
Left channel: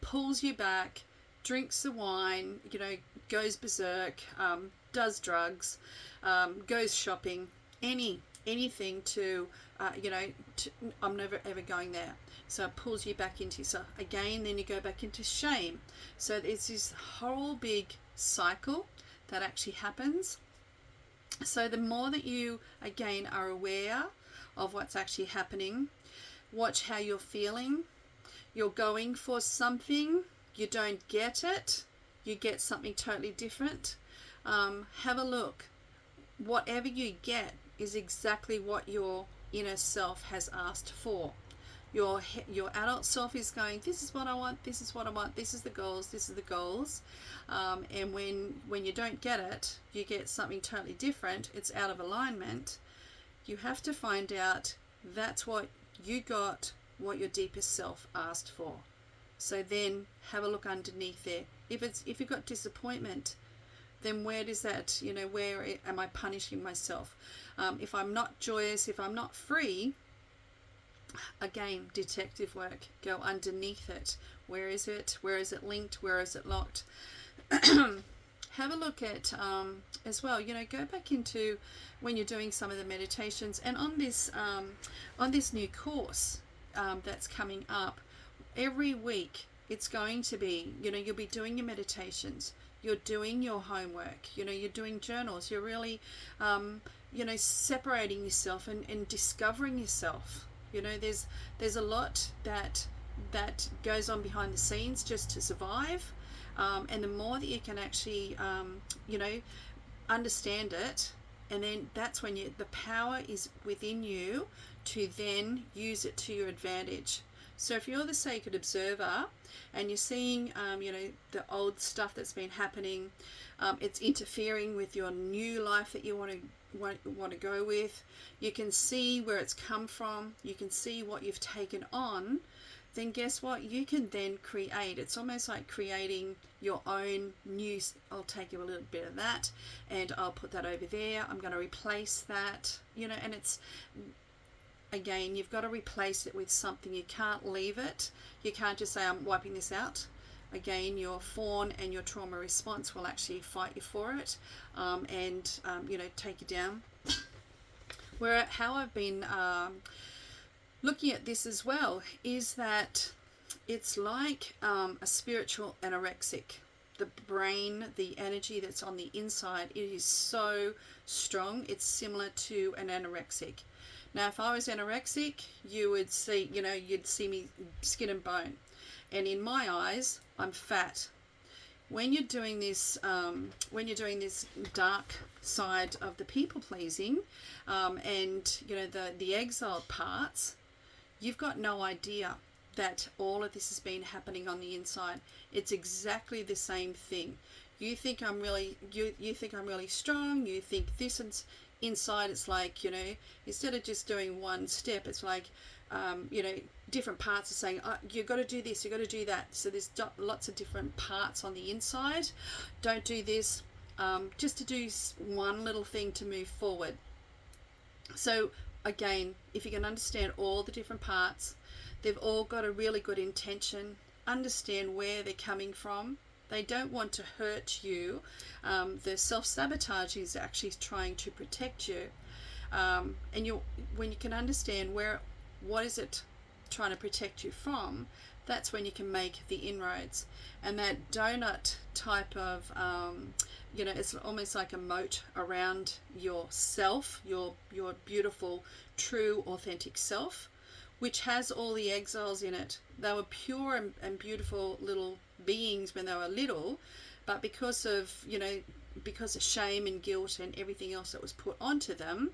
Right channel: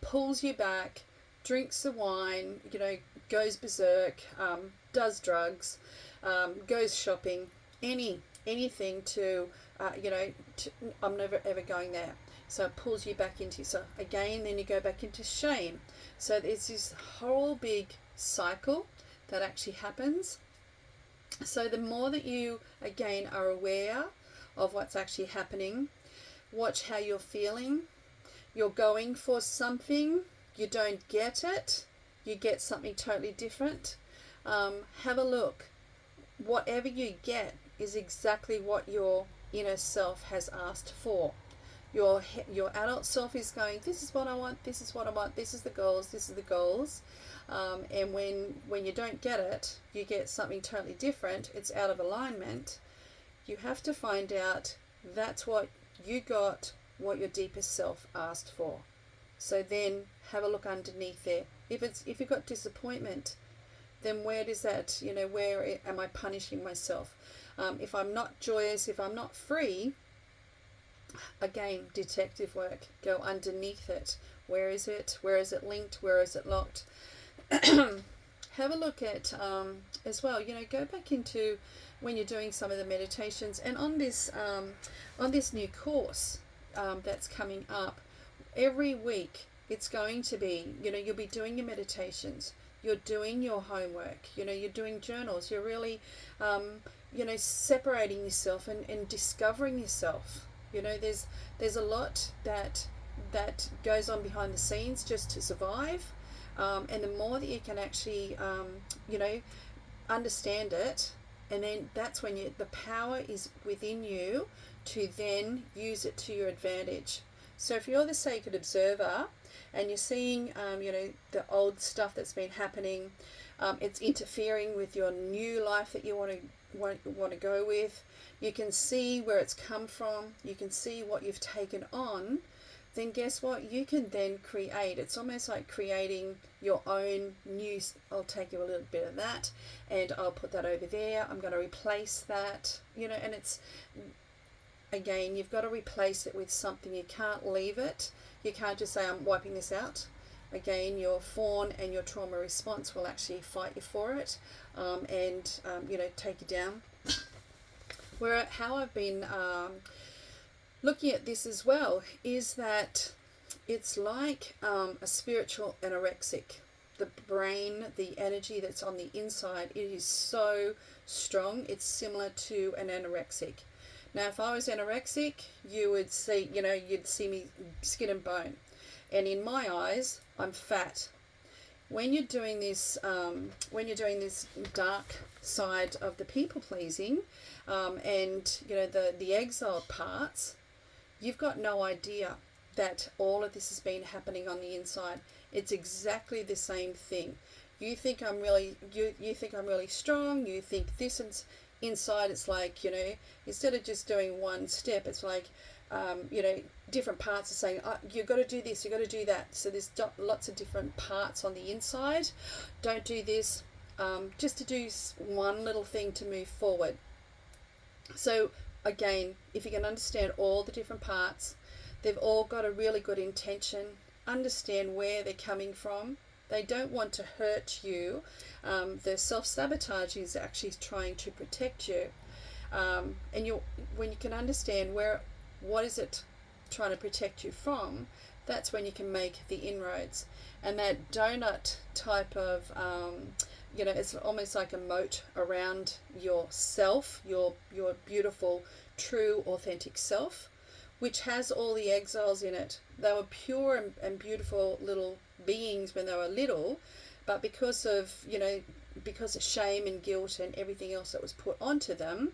pulls you back, drinks the wine, goes berserk, does drugs, goes shopping, anything to I'm never ever going there. So it pulls you back into yourself again, then you go back into shame. So it's this whole big cycle that actually happens. So the more that you again are aware of what's actually happening, watch how you're feeling. You're going for something, you don't get it, you get something totally different. Have a look. Whatever you get is exactly what your inner self has asked for. Your adult self is going, this is what I want, this is what I want, this is the goals, this is the goals. And when you don't get it, you get something totally different, it's out of alignment. You have to find out that's what you got, what your deepest self asked for. So then have a look underneath there. If you've got disappointment, then where does that, where am I punishing myself? If I'm not joyous, if I'm not free, again, detective work, go underneath it. Where is it? Where is it linked? Where is it locked? Have a look at as well, go back into when you're doing some of the meditations, and on this new course that's coming up every week, it's going to be, you'll be doing your meditations, you're doing your homework, you're doing journals, you're really separating yourself and discovering yourself. There's a lot that goes on behind the scenes just to survive, and the more that you can actually understand it, and then that's when the power is within you to then use it to your advantage. So if you're the sacred observer and you're seeing the old stuff that's been happening, it's interfering with your new life that you want to go with, you can see where it's come from, you can see what you've taken on, then guess what? You can then create. It's almost like creating your own new. I'll take you a little bit of that and I'll put that over there. I'm going to replace that, and it's, again, you've got to replace it with something. You can't leave it. You can't just say, I'm wiping this out. Again, your fawn and your trauma response will actually fight you for it, and take you down. How I've been looking at this as well is that it's like a spiritual anorexic. The brain, the energy that's on the inside, it is so strong. It's similar to an anorexic. Now, if I was anorexic, you would see, you'd see me skin and bone. And in my eyes, I'm fat. When you're doing this dark side of the people pleasing, and the exiled parts, you've got no idea that all of this has been happening on the inside. It's exactly the same thing. You think I'm really, you think I'm really strong. You think this, and inside it's like, instead of just doing one step, it's like, different parts are saying, oh, you've got to do this, you've got to do that. So there's lots of different parts on the inside. Don't do this, just to do one little thing to move forward. So again, if you can understand all the different parts, they've all got a really good intention. Understand where they're coming from. They don't want to hurt you. The self-sabotage is actually trying to protect you. And when you can understand what is it trying to protect you from, that's when you can make the inroads. And that donut type of, it's almost like a moat around yourself, your beautiful, true, authentic self, which has all the exiles in it. They were pure and beautiful little beings when they were little, but because of shame and guilt and everything else that was put onto them,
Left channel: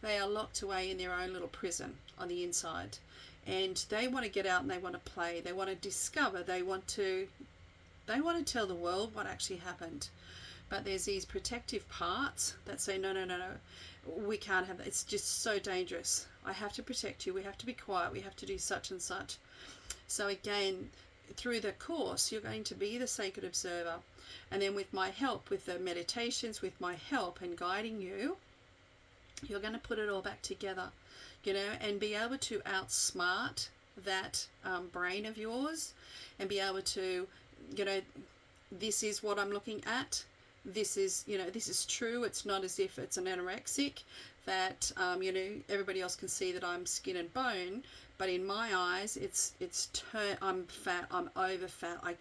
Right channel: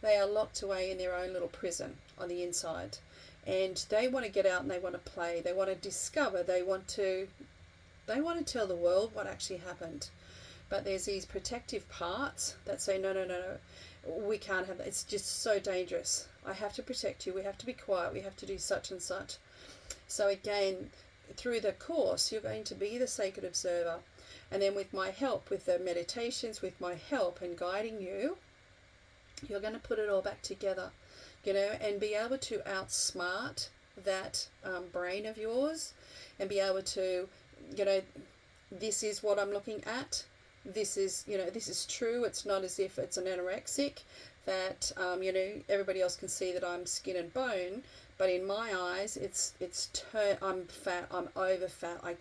they are locked away in their own little prison on the inside. And they want to get out and they want to play. They want to discover. They want to tell the world what actually happened. But there's these protective parts that say, no, we can't have that. It's just so dangerous. I have to protect you. We have to be quiet. We have to do such and such. So again, through the course, you're going to be the sacred observer. And then with my help, with the meditations, with my help and guiding you, you're going to put it all back together, and be able to outsmart that brain of yours, and be able to, this is what I'm looking at. This is, this is true. It's not as if it's an anorexic that, everybody else can see that I'm skin and bone, but in my eyes, I'm fat, I'm over fat. I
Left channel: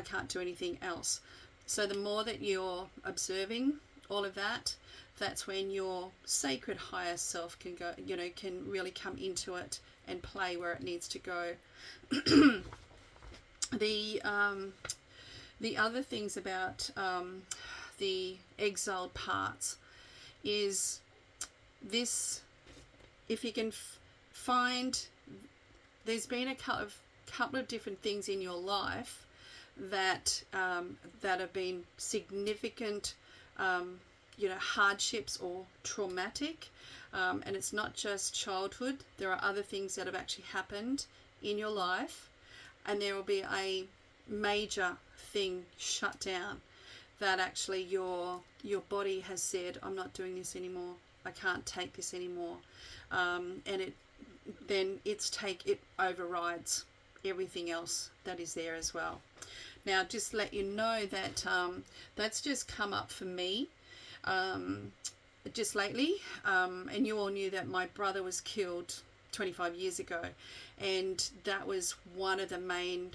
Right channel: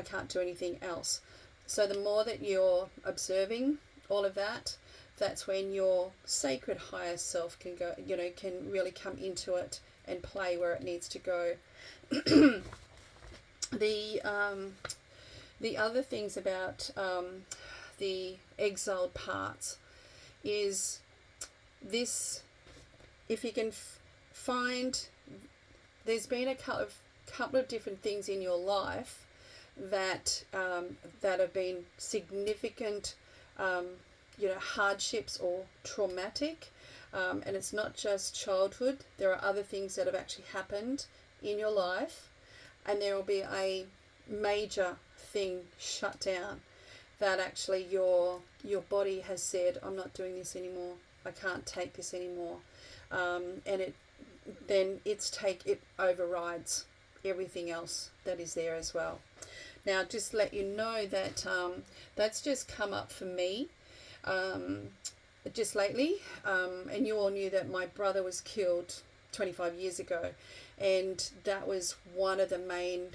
can't do anything else. So the more that you're observing all of that, that's when your sacred higher self can go, can really come into it and play where it needs to go. The other things about the exiled parts is this: if you can find, there's been a couple of different things in your life that have been significant, hardships or traumatic, and it's not just childhood. There are other things that have actually happened in your life, and there will be a major thing shut down that actually your body has said, I'm not doing this anymore, I can't take this anymore, and it overrides everything else that is there as well. Now, just let you know that that's just come up for me just lately, and you all knew that my brother was killed 25 years ago, and that was one of the main,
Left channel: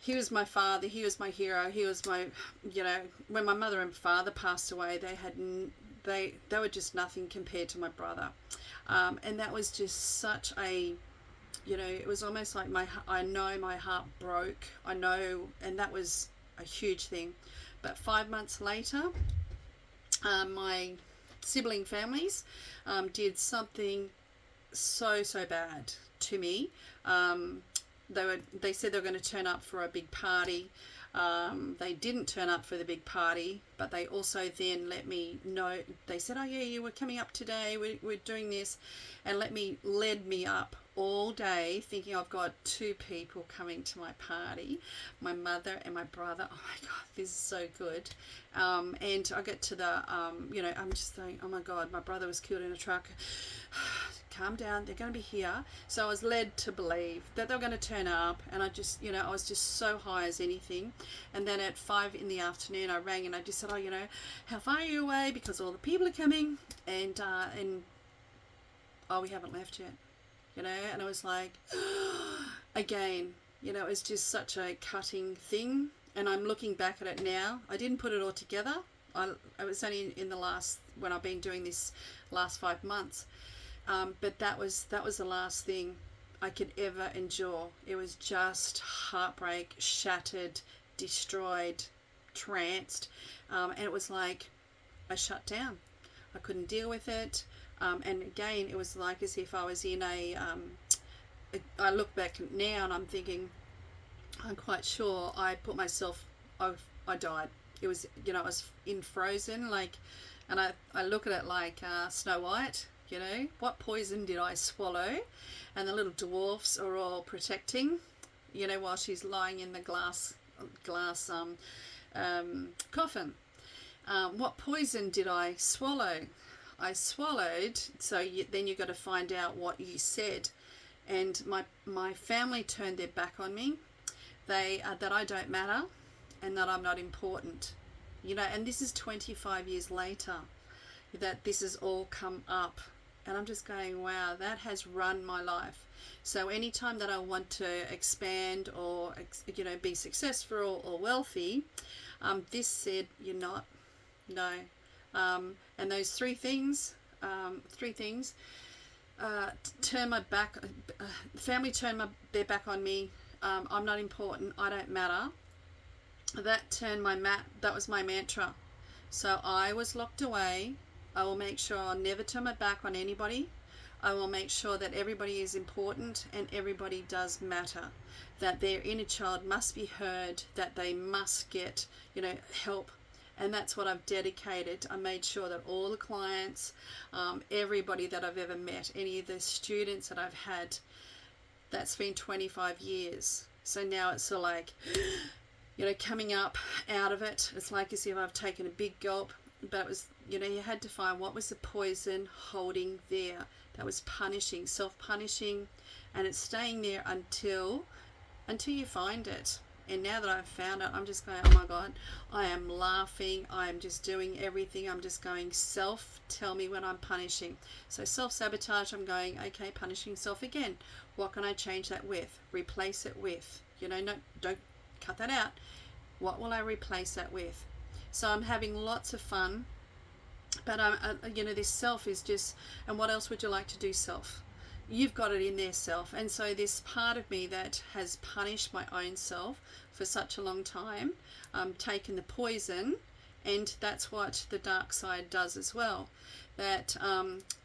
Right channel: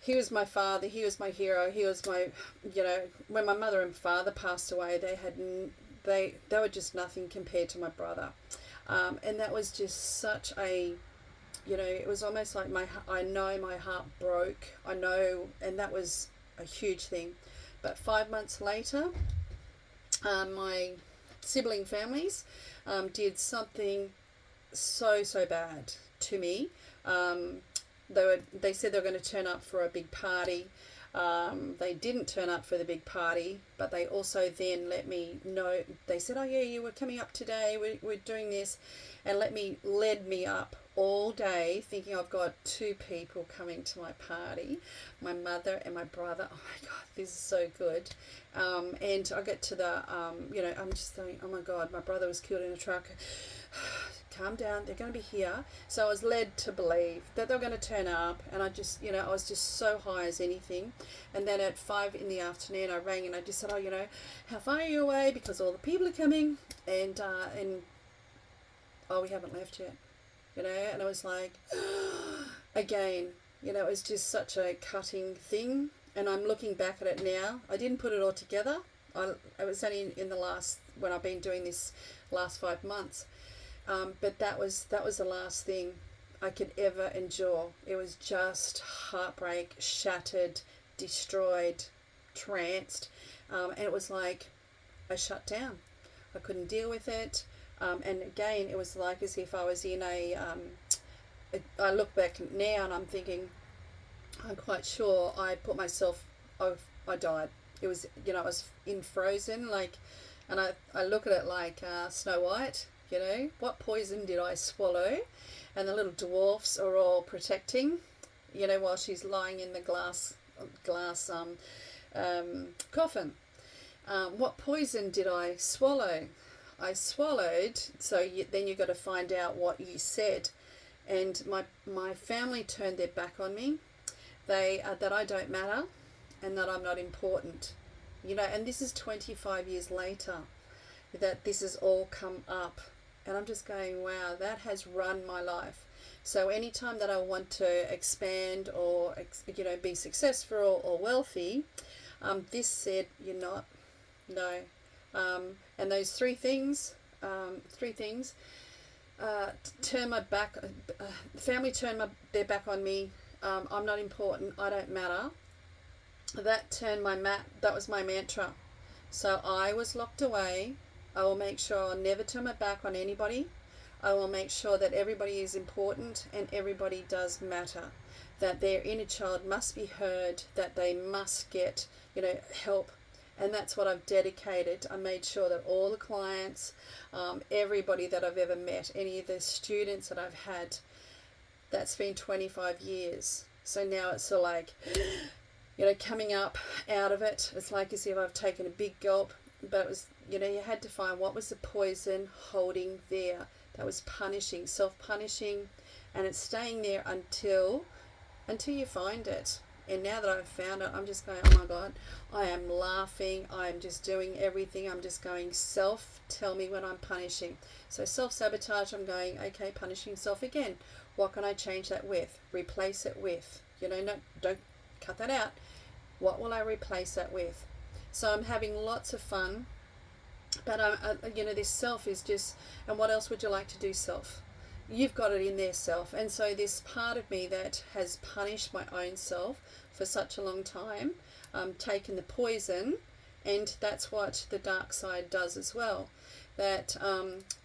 he was my father, he was my hero, he was my, when my mother and father passed away, they were just nothing compared to my brother, and that was just such a, it was almost like I know my heart broke, and that was a huge thing. But 5 months later, my sibling families did something so bad to me. They said they were going to turn up for a big party. They didn't turn up for the big party, but they also then let me know. They said, oh yeah, you were coming up today, we're doing this, and led me up all day thinking I've got 2 people coming to my party, my mother and my brother. Oh my God, this is so good. And I get to the, I'm just thinking, oh my God, my brother was killed in a truck. Calm down, they're going to be here. So I was led to believe that they were going to turn up, and I just, I was just so high as anything. And then at 5 in the afternoon, I rang and I just said, oh, how far are you away? Because all the people are coming, and oh, we haven't left yet, and I was like, again, it was just such a cutting thing. And I'm looking back at it now. I didn't put it all together. I was only when I've been doing this last 5 months. But that was the last thing I could ever endure. It was just heartbreak, shattered, destroyed, tranced, and it was like I shut down. I couldn't deal with it, and again, it was like as if I was in I look back now and I'm thinking, I'm quite sure I put myself. I died. It was, I was in Frozen, and I look at it like Snow White. What poison did I swallow? And the little dwarfs are all protecting, while she's lying in the glass coffin. What poison did I swallow? I swallowed, then you've got to find out what you said. And my family turned their back on me. That I don't matter and that I'm not important. And this is 25 years later that this has all come up. And I'm just going, wow, that has run my life. So anytime that I want to expand or, be successful or wealthy, this said, you're not. No. And those three things, turn my back, family turned their back on me. I'm not important. I don't matter. That was my mantra. So I was locked away. I will make sure I'll never turn my back on anybody. I will make sure that everybody is important and everybody does matter. That their inner child must be heard, that they must get, help. And that's what I've dedicated. I made sure that all the clients, everybody that I've ever met, any of the students that I've had, that's been 25 years. So now it's sort of like, coming up out of it. It's like as if I've taken a big gulp. But it was, you had to find what was the poison holding there that was self-punishing, and it's staying there until you find it. And now that I've found it, I'm just going, oh my God, I am laughing. I am just doing everything. I'm just going, self, tell me when I'm punishing. So self-sabotage, I'm going, okay, punishing self again. What can I change that with? Replace it with. You know, no, don't cut that out. What will I replace that with? So I'm having lots of fun. But, you know, this self is just, and what else would you like to do, self? You've got it in there, self. And so this part of me that has punished my own self for such a long time, taken the poison, and that's what the dark side does as well, that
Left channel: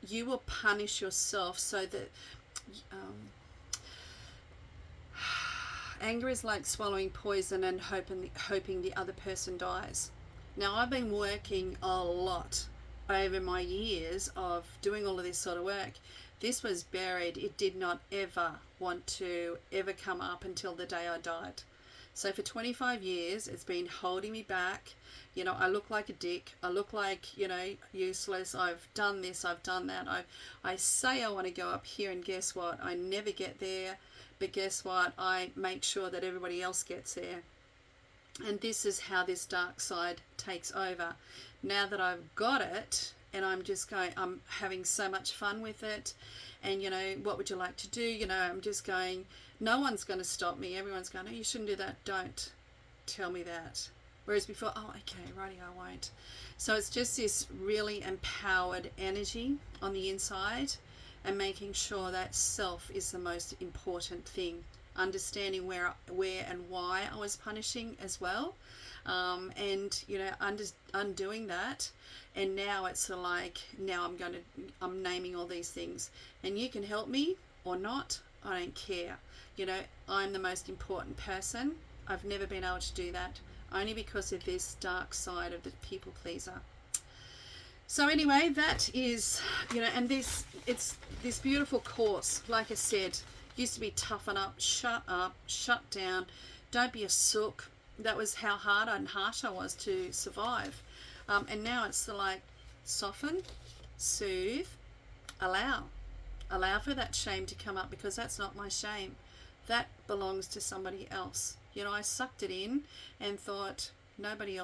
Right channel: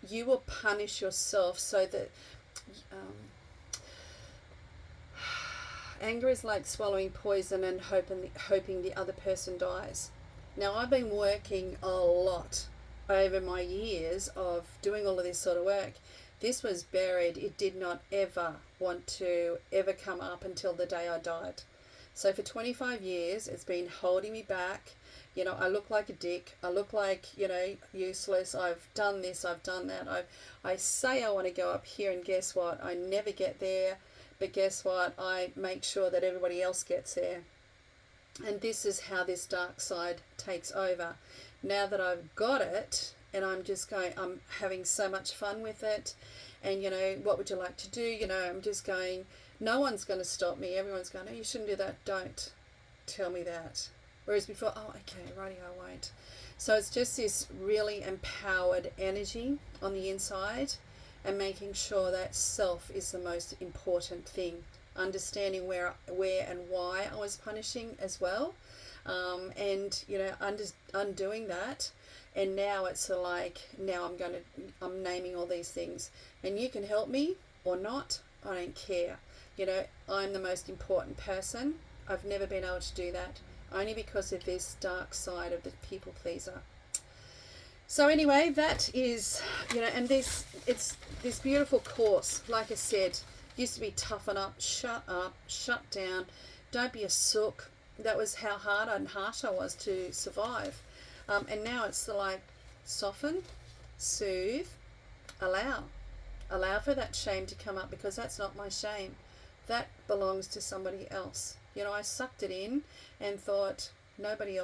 you will punish yourself so that anger is like swallowing poison and hoping the other person dies. Now, I've been working a lot over my years of doing all of this sort of work. This was buried. It did not ever want to ever come up until the day I died. So for 25 years, it's been holding me back. You know, I look like a dick. I look like, you know, useless. I've done this. I've done that. I say I want to go up here, and guess what? I never get there. But guess what? I make sure that everybody else gets there. And this is how this dark side takes over. Now that I've got it, and I'm just going, I'm having so much fun with it. And, you know, what would you like to do? You know, I'm just going, no one's going to stop me. Everyone's going, no, you shouldn't do that. Don't tell me that. Whereas before, oh, okay, righty, I won't. So it's just this really empowered energy on the inside, and making sure that self is the most important thing. Understanding where and why I was punishing as well. And, you know, undoing that. And now it's like, now I'm naming all these things, and you can help me or not, I don't care. You know, I'm the most important person. I've never been able to do that, only because of this dark side of the people pleaser. So anyway, that is, you know, and it's this beautiful course, like I said, used to be toughen up, shut down, don't be a sook. That was how hard and harsh I was to survive. And now it's like, soften, soothe, allow for that shame to come up, because that's not my shame. That belongs to somebody else. You know, I sucked it in and thought nobody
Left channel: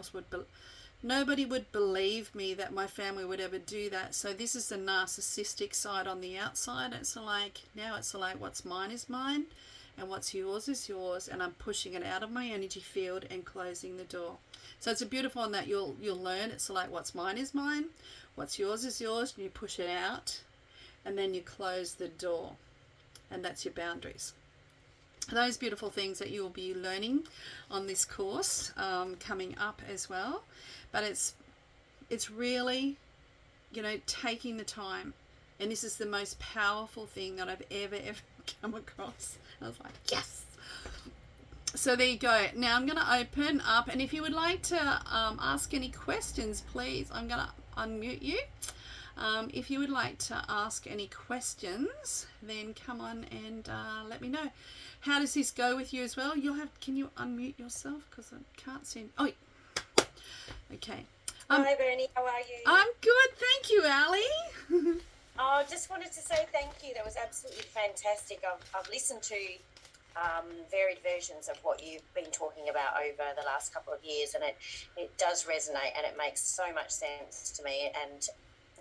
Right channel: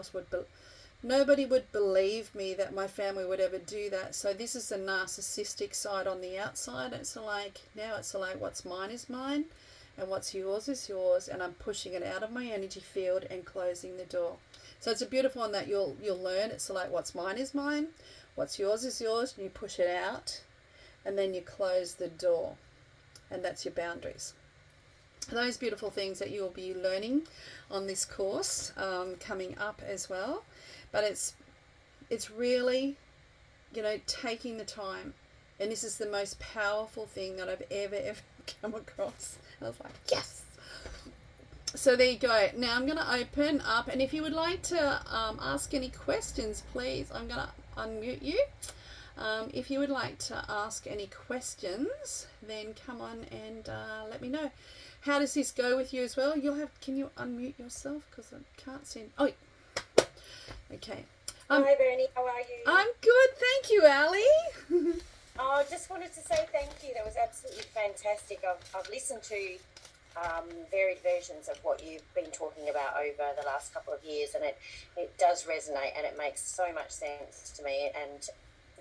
would believe me, that my family would ever do that. So this is the narcissistic side on the outside. It's like, now it's like, what's mine is mine, and what's yours is yours, and I'm pushing it out of my energy field and closing the door. So it's a beautiful one that you'll learn. It's like, what's mine is mine, what's yours is yours, and you push it out, and then you close the door, and that's your boundaries. Those beautiful things that you'll be learning on this course coming up as well. But it's really, you know, taking the time, and this is the most powerful thing that I've ever come across. I was like, yes. So there you go. Now I'm going to open up, and if you would like to ask any questions, please, I'm going to unmute you. If you would like to ask any questions, then come on and let me know. How does this go with you as well? Can you unmute yourself? Because I can't see. Oh, okay. Hi, Bernie. How are you? I'm good. Thank you, Ali. I just wanted to say thank you. That was absolutely fantastic. I've listened to varied versions of what you've been talking about over the last couple of years, and it does resonate, and it makes so much sense to me. And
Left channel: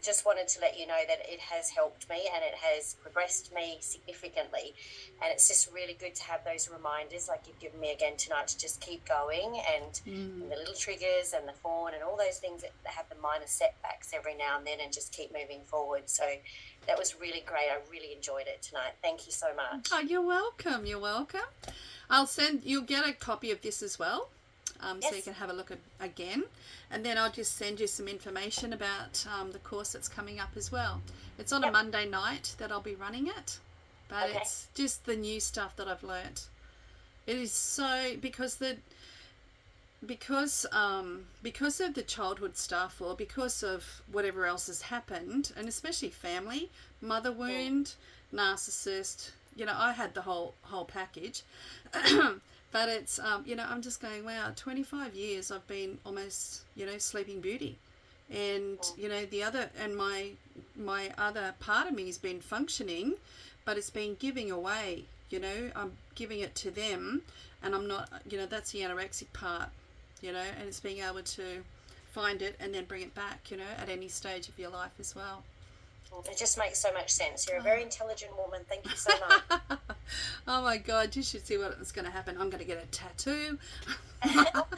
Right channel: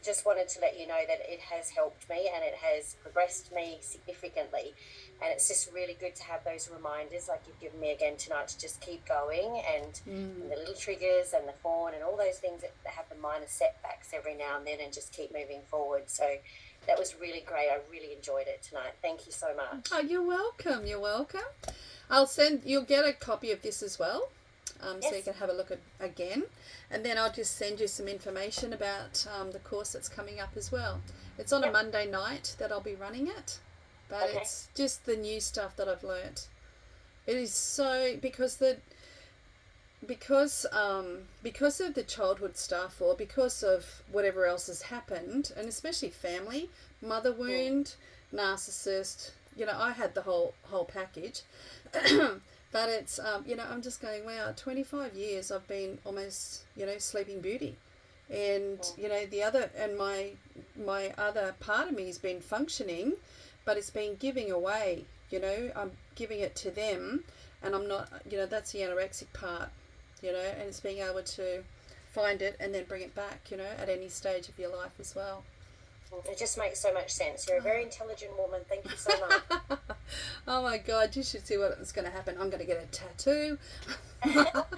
just wanted to let you know that it has helped me, and it has progressed me significantly. And it's just really good to have those reminders like you've given me again tonight, to just keep going, and the little triggers and the fawn and all those things that have the minor setbacks every now and then, and just keep moving forward. So that was really great. I really enjoyed it tonight. Thank you so much. Oh, you're welcome. You're welcome. You'll get a copy of this as well. Yes. So you can have a look at again, and then I'll just send you some information about the course that's coming up as well. It's on a Monday night that I'll be running it, but it's just the new stuff that I've learnt. It is so because of the childhood stuff, or because of whatever else has happened, and especially family, mother wound, narcissist. You know, I had the whole package. But it's, you know, I'm just going, wow, 25 years I've been almost, you know, Sleeping Beauty. And, you know, my other part of me has been functioning, but it's been giving away, you know, I'm giving it to them, and I'm not, you know, that's the anorexic part, you know, and it's being able to find it and then bring it back, you know, at any stage of your life as well. It just makes so much sense. You're a very intelligent woman. Thank you so much. Oh my God, you should see what's going to happen. I'm going to get a tattoo. We've all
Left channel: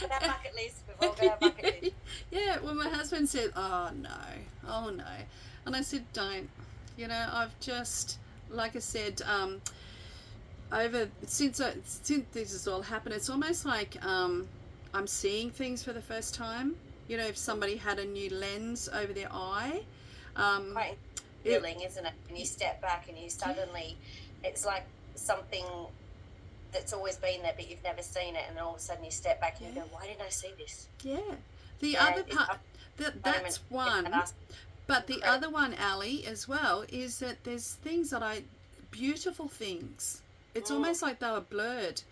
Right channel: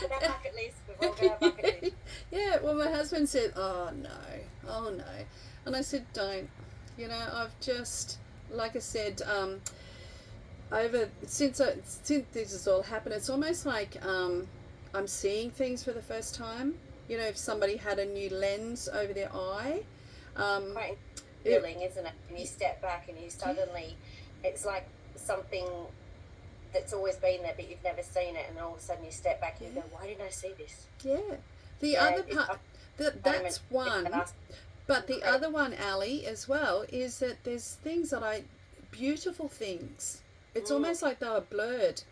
got our bucket list. We've all got our bucket list. Yeah, well, my husband said, oh no. And I said, don't. You know, I've just, like I said, since this has all happened, it's almost like I'm seeing things for the first time. You know, if somebody had a new lens over their eye. Quite feeling, isn't it? When you step back and you suddenly, it's like something that's always been there, but you've never seen it, and then all of a sudden you step back and you go, "Why didn't I see this?" Yeah. The other part, that's one. But the other one, Ali, as well, is that there's things that beautiful things. It's almost like they were blurred,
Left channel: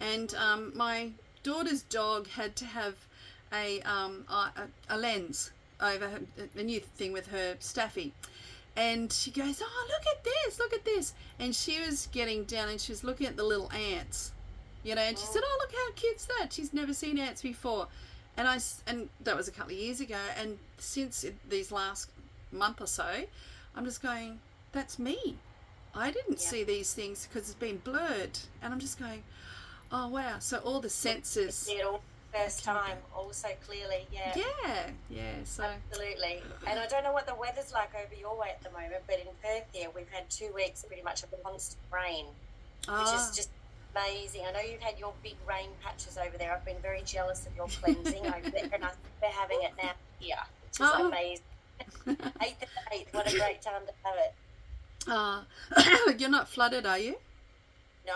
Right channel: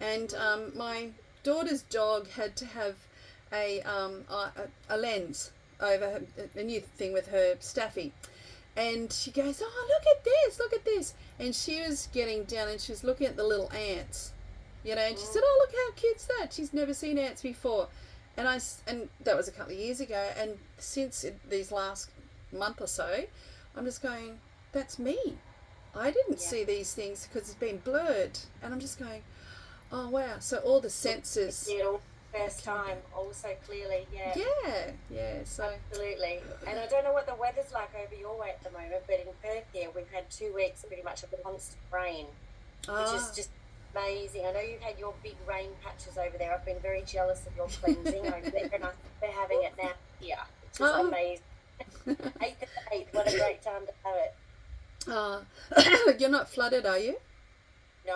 and my daughter's dog had to have a lens over a new thing with her staffy, and she goes, oh, look at this, and she was getting down and she was looking at the little ants, you know, and she said, oh, look how cute's that, she's never seen ants before, and that was a couple of years ago, and since these last month or so, I'm just going, that's me. I didn't see these things because it's been blurred, and I'm just going, oh wow. So all the senses, first time, all so clearly. So absolutely. And I don't know what the weather's like over your way at the moment, but in Perth here we've had 2 weeks pretty much of constant rain, which is just amazing. I know you've had your big rain patches over there. I've been very jealous of your cleansing over there, and I think we're having it now here, which is amazing. 8th of 8th, what a great time to have it. You're not flooded, are you? No,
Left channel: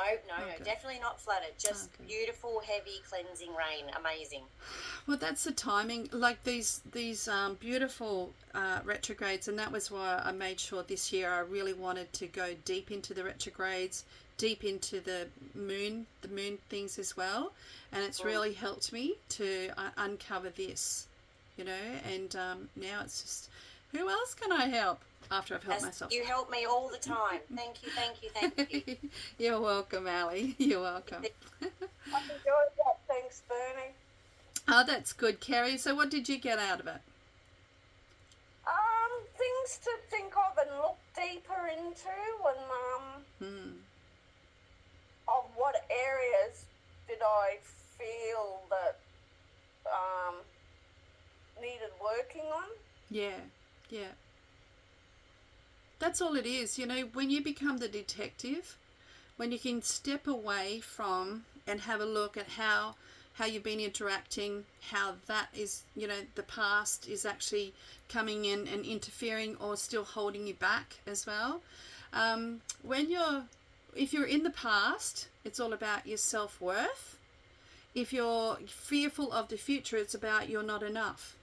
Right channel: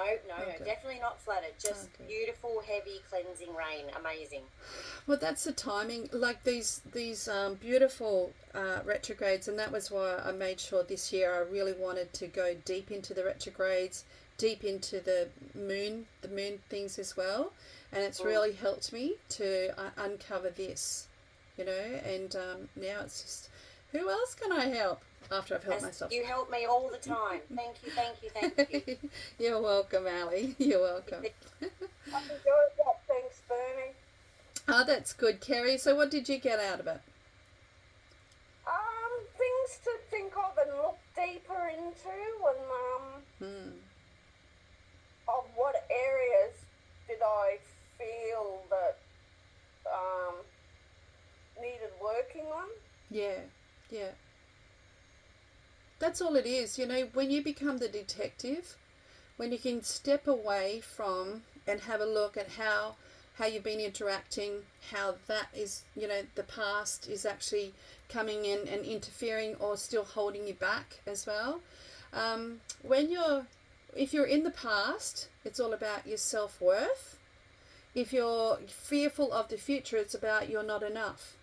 definitely not flooded. Just beautiful, heavy, cleansing rain. Amazing. Well, that's the timing. Like these beautiful retrogrades, and that was why I made sure this year I really wanted to go deep into the retrogrades, deep into the moon things as well, and it's really helped me to uncover this, you know. And now it's just, who else can I help? After I've helped myself. You help me all the time. Thank you. You're welcome, Ali. You're welcome. I've enjoyed that. Thanks, Bernie. Oh, that's good, Kerry. So what did you get out of it? Things to think of and look deeper into, and of what areas did I feel that needed working on. Yeah. That's all it is, you know, when you become the detective, when you can step away from and have a look at how you've been interacting, how that is, you know, the past is actually coming in and interfering or still holding you back as well. If you're in the past, it's all about your self-worth. If you're fearful of the future, it's about you're not enough.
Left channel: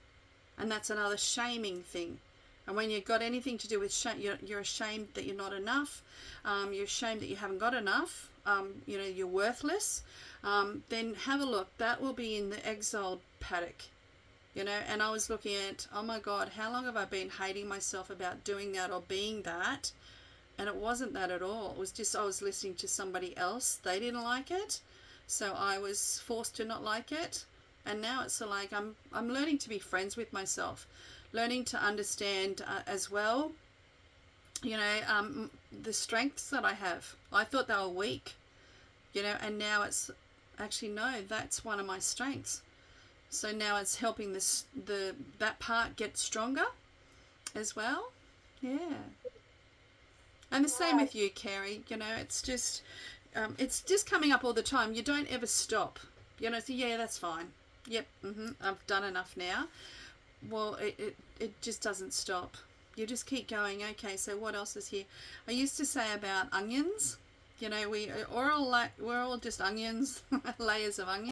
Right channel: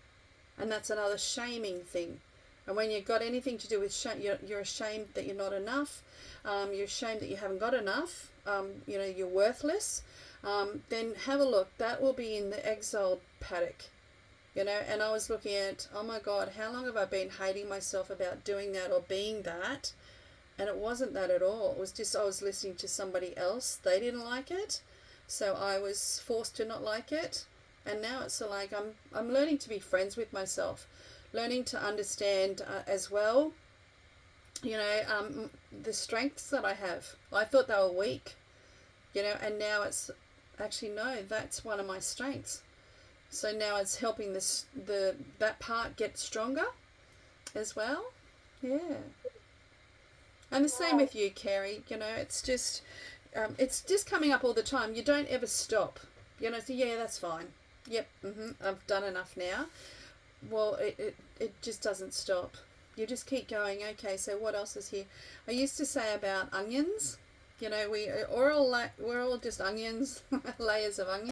And that's another shaming thing. And when you've got anything to do with shame, you're ashamed that you're not enough, you're ashamed that you haven't got enough, you know, you're worthless, then have a look. That will be in the exiled paddock, you know. And I was looking at, oh my God, how long have I been hating myself about doing that or being that? And it wasn't that at all. It was just I was listening to somebody else. They didn't like it, so I was forced to not like it. And now it's like I'm learning to be friends with myself. Learning to understand as well, you know, the strengths that I have. I thought they were weak, you know, and now it's actually, no, that's one of my strengths. So now it's helping that part get stronger as well. Yeah. And the same with you, Kerry. You know, it's just coming up all the time. You don't ever stop. You know, so yeah, that's fine. Yep, I've done enough now. Well, it just doesn't stop. You just keep going. Okay, so what else is here? I used to say about onions. You know, we're all just onions, layers of onions.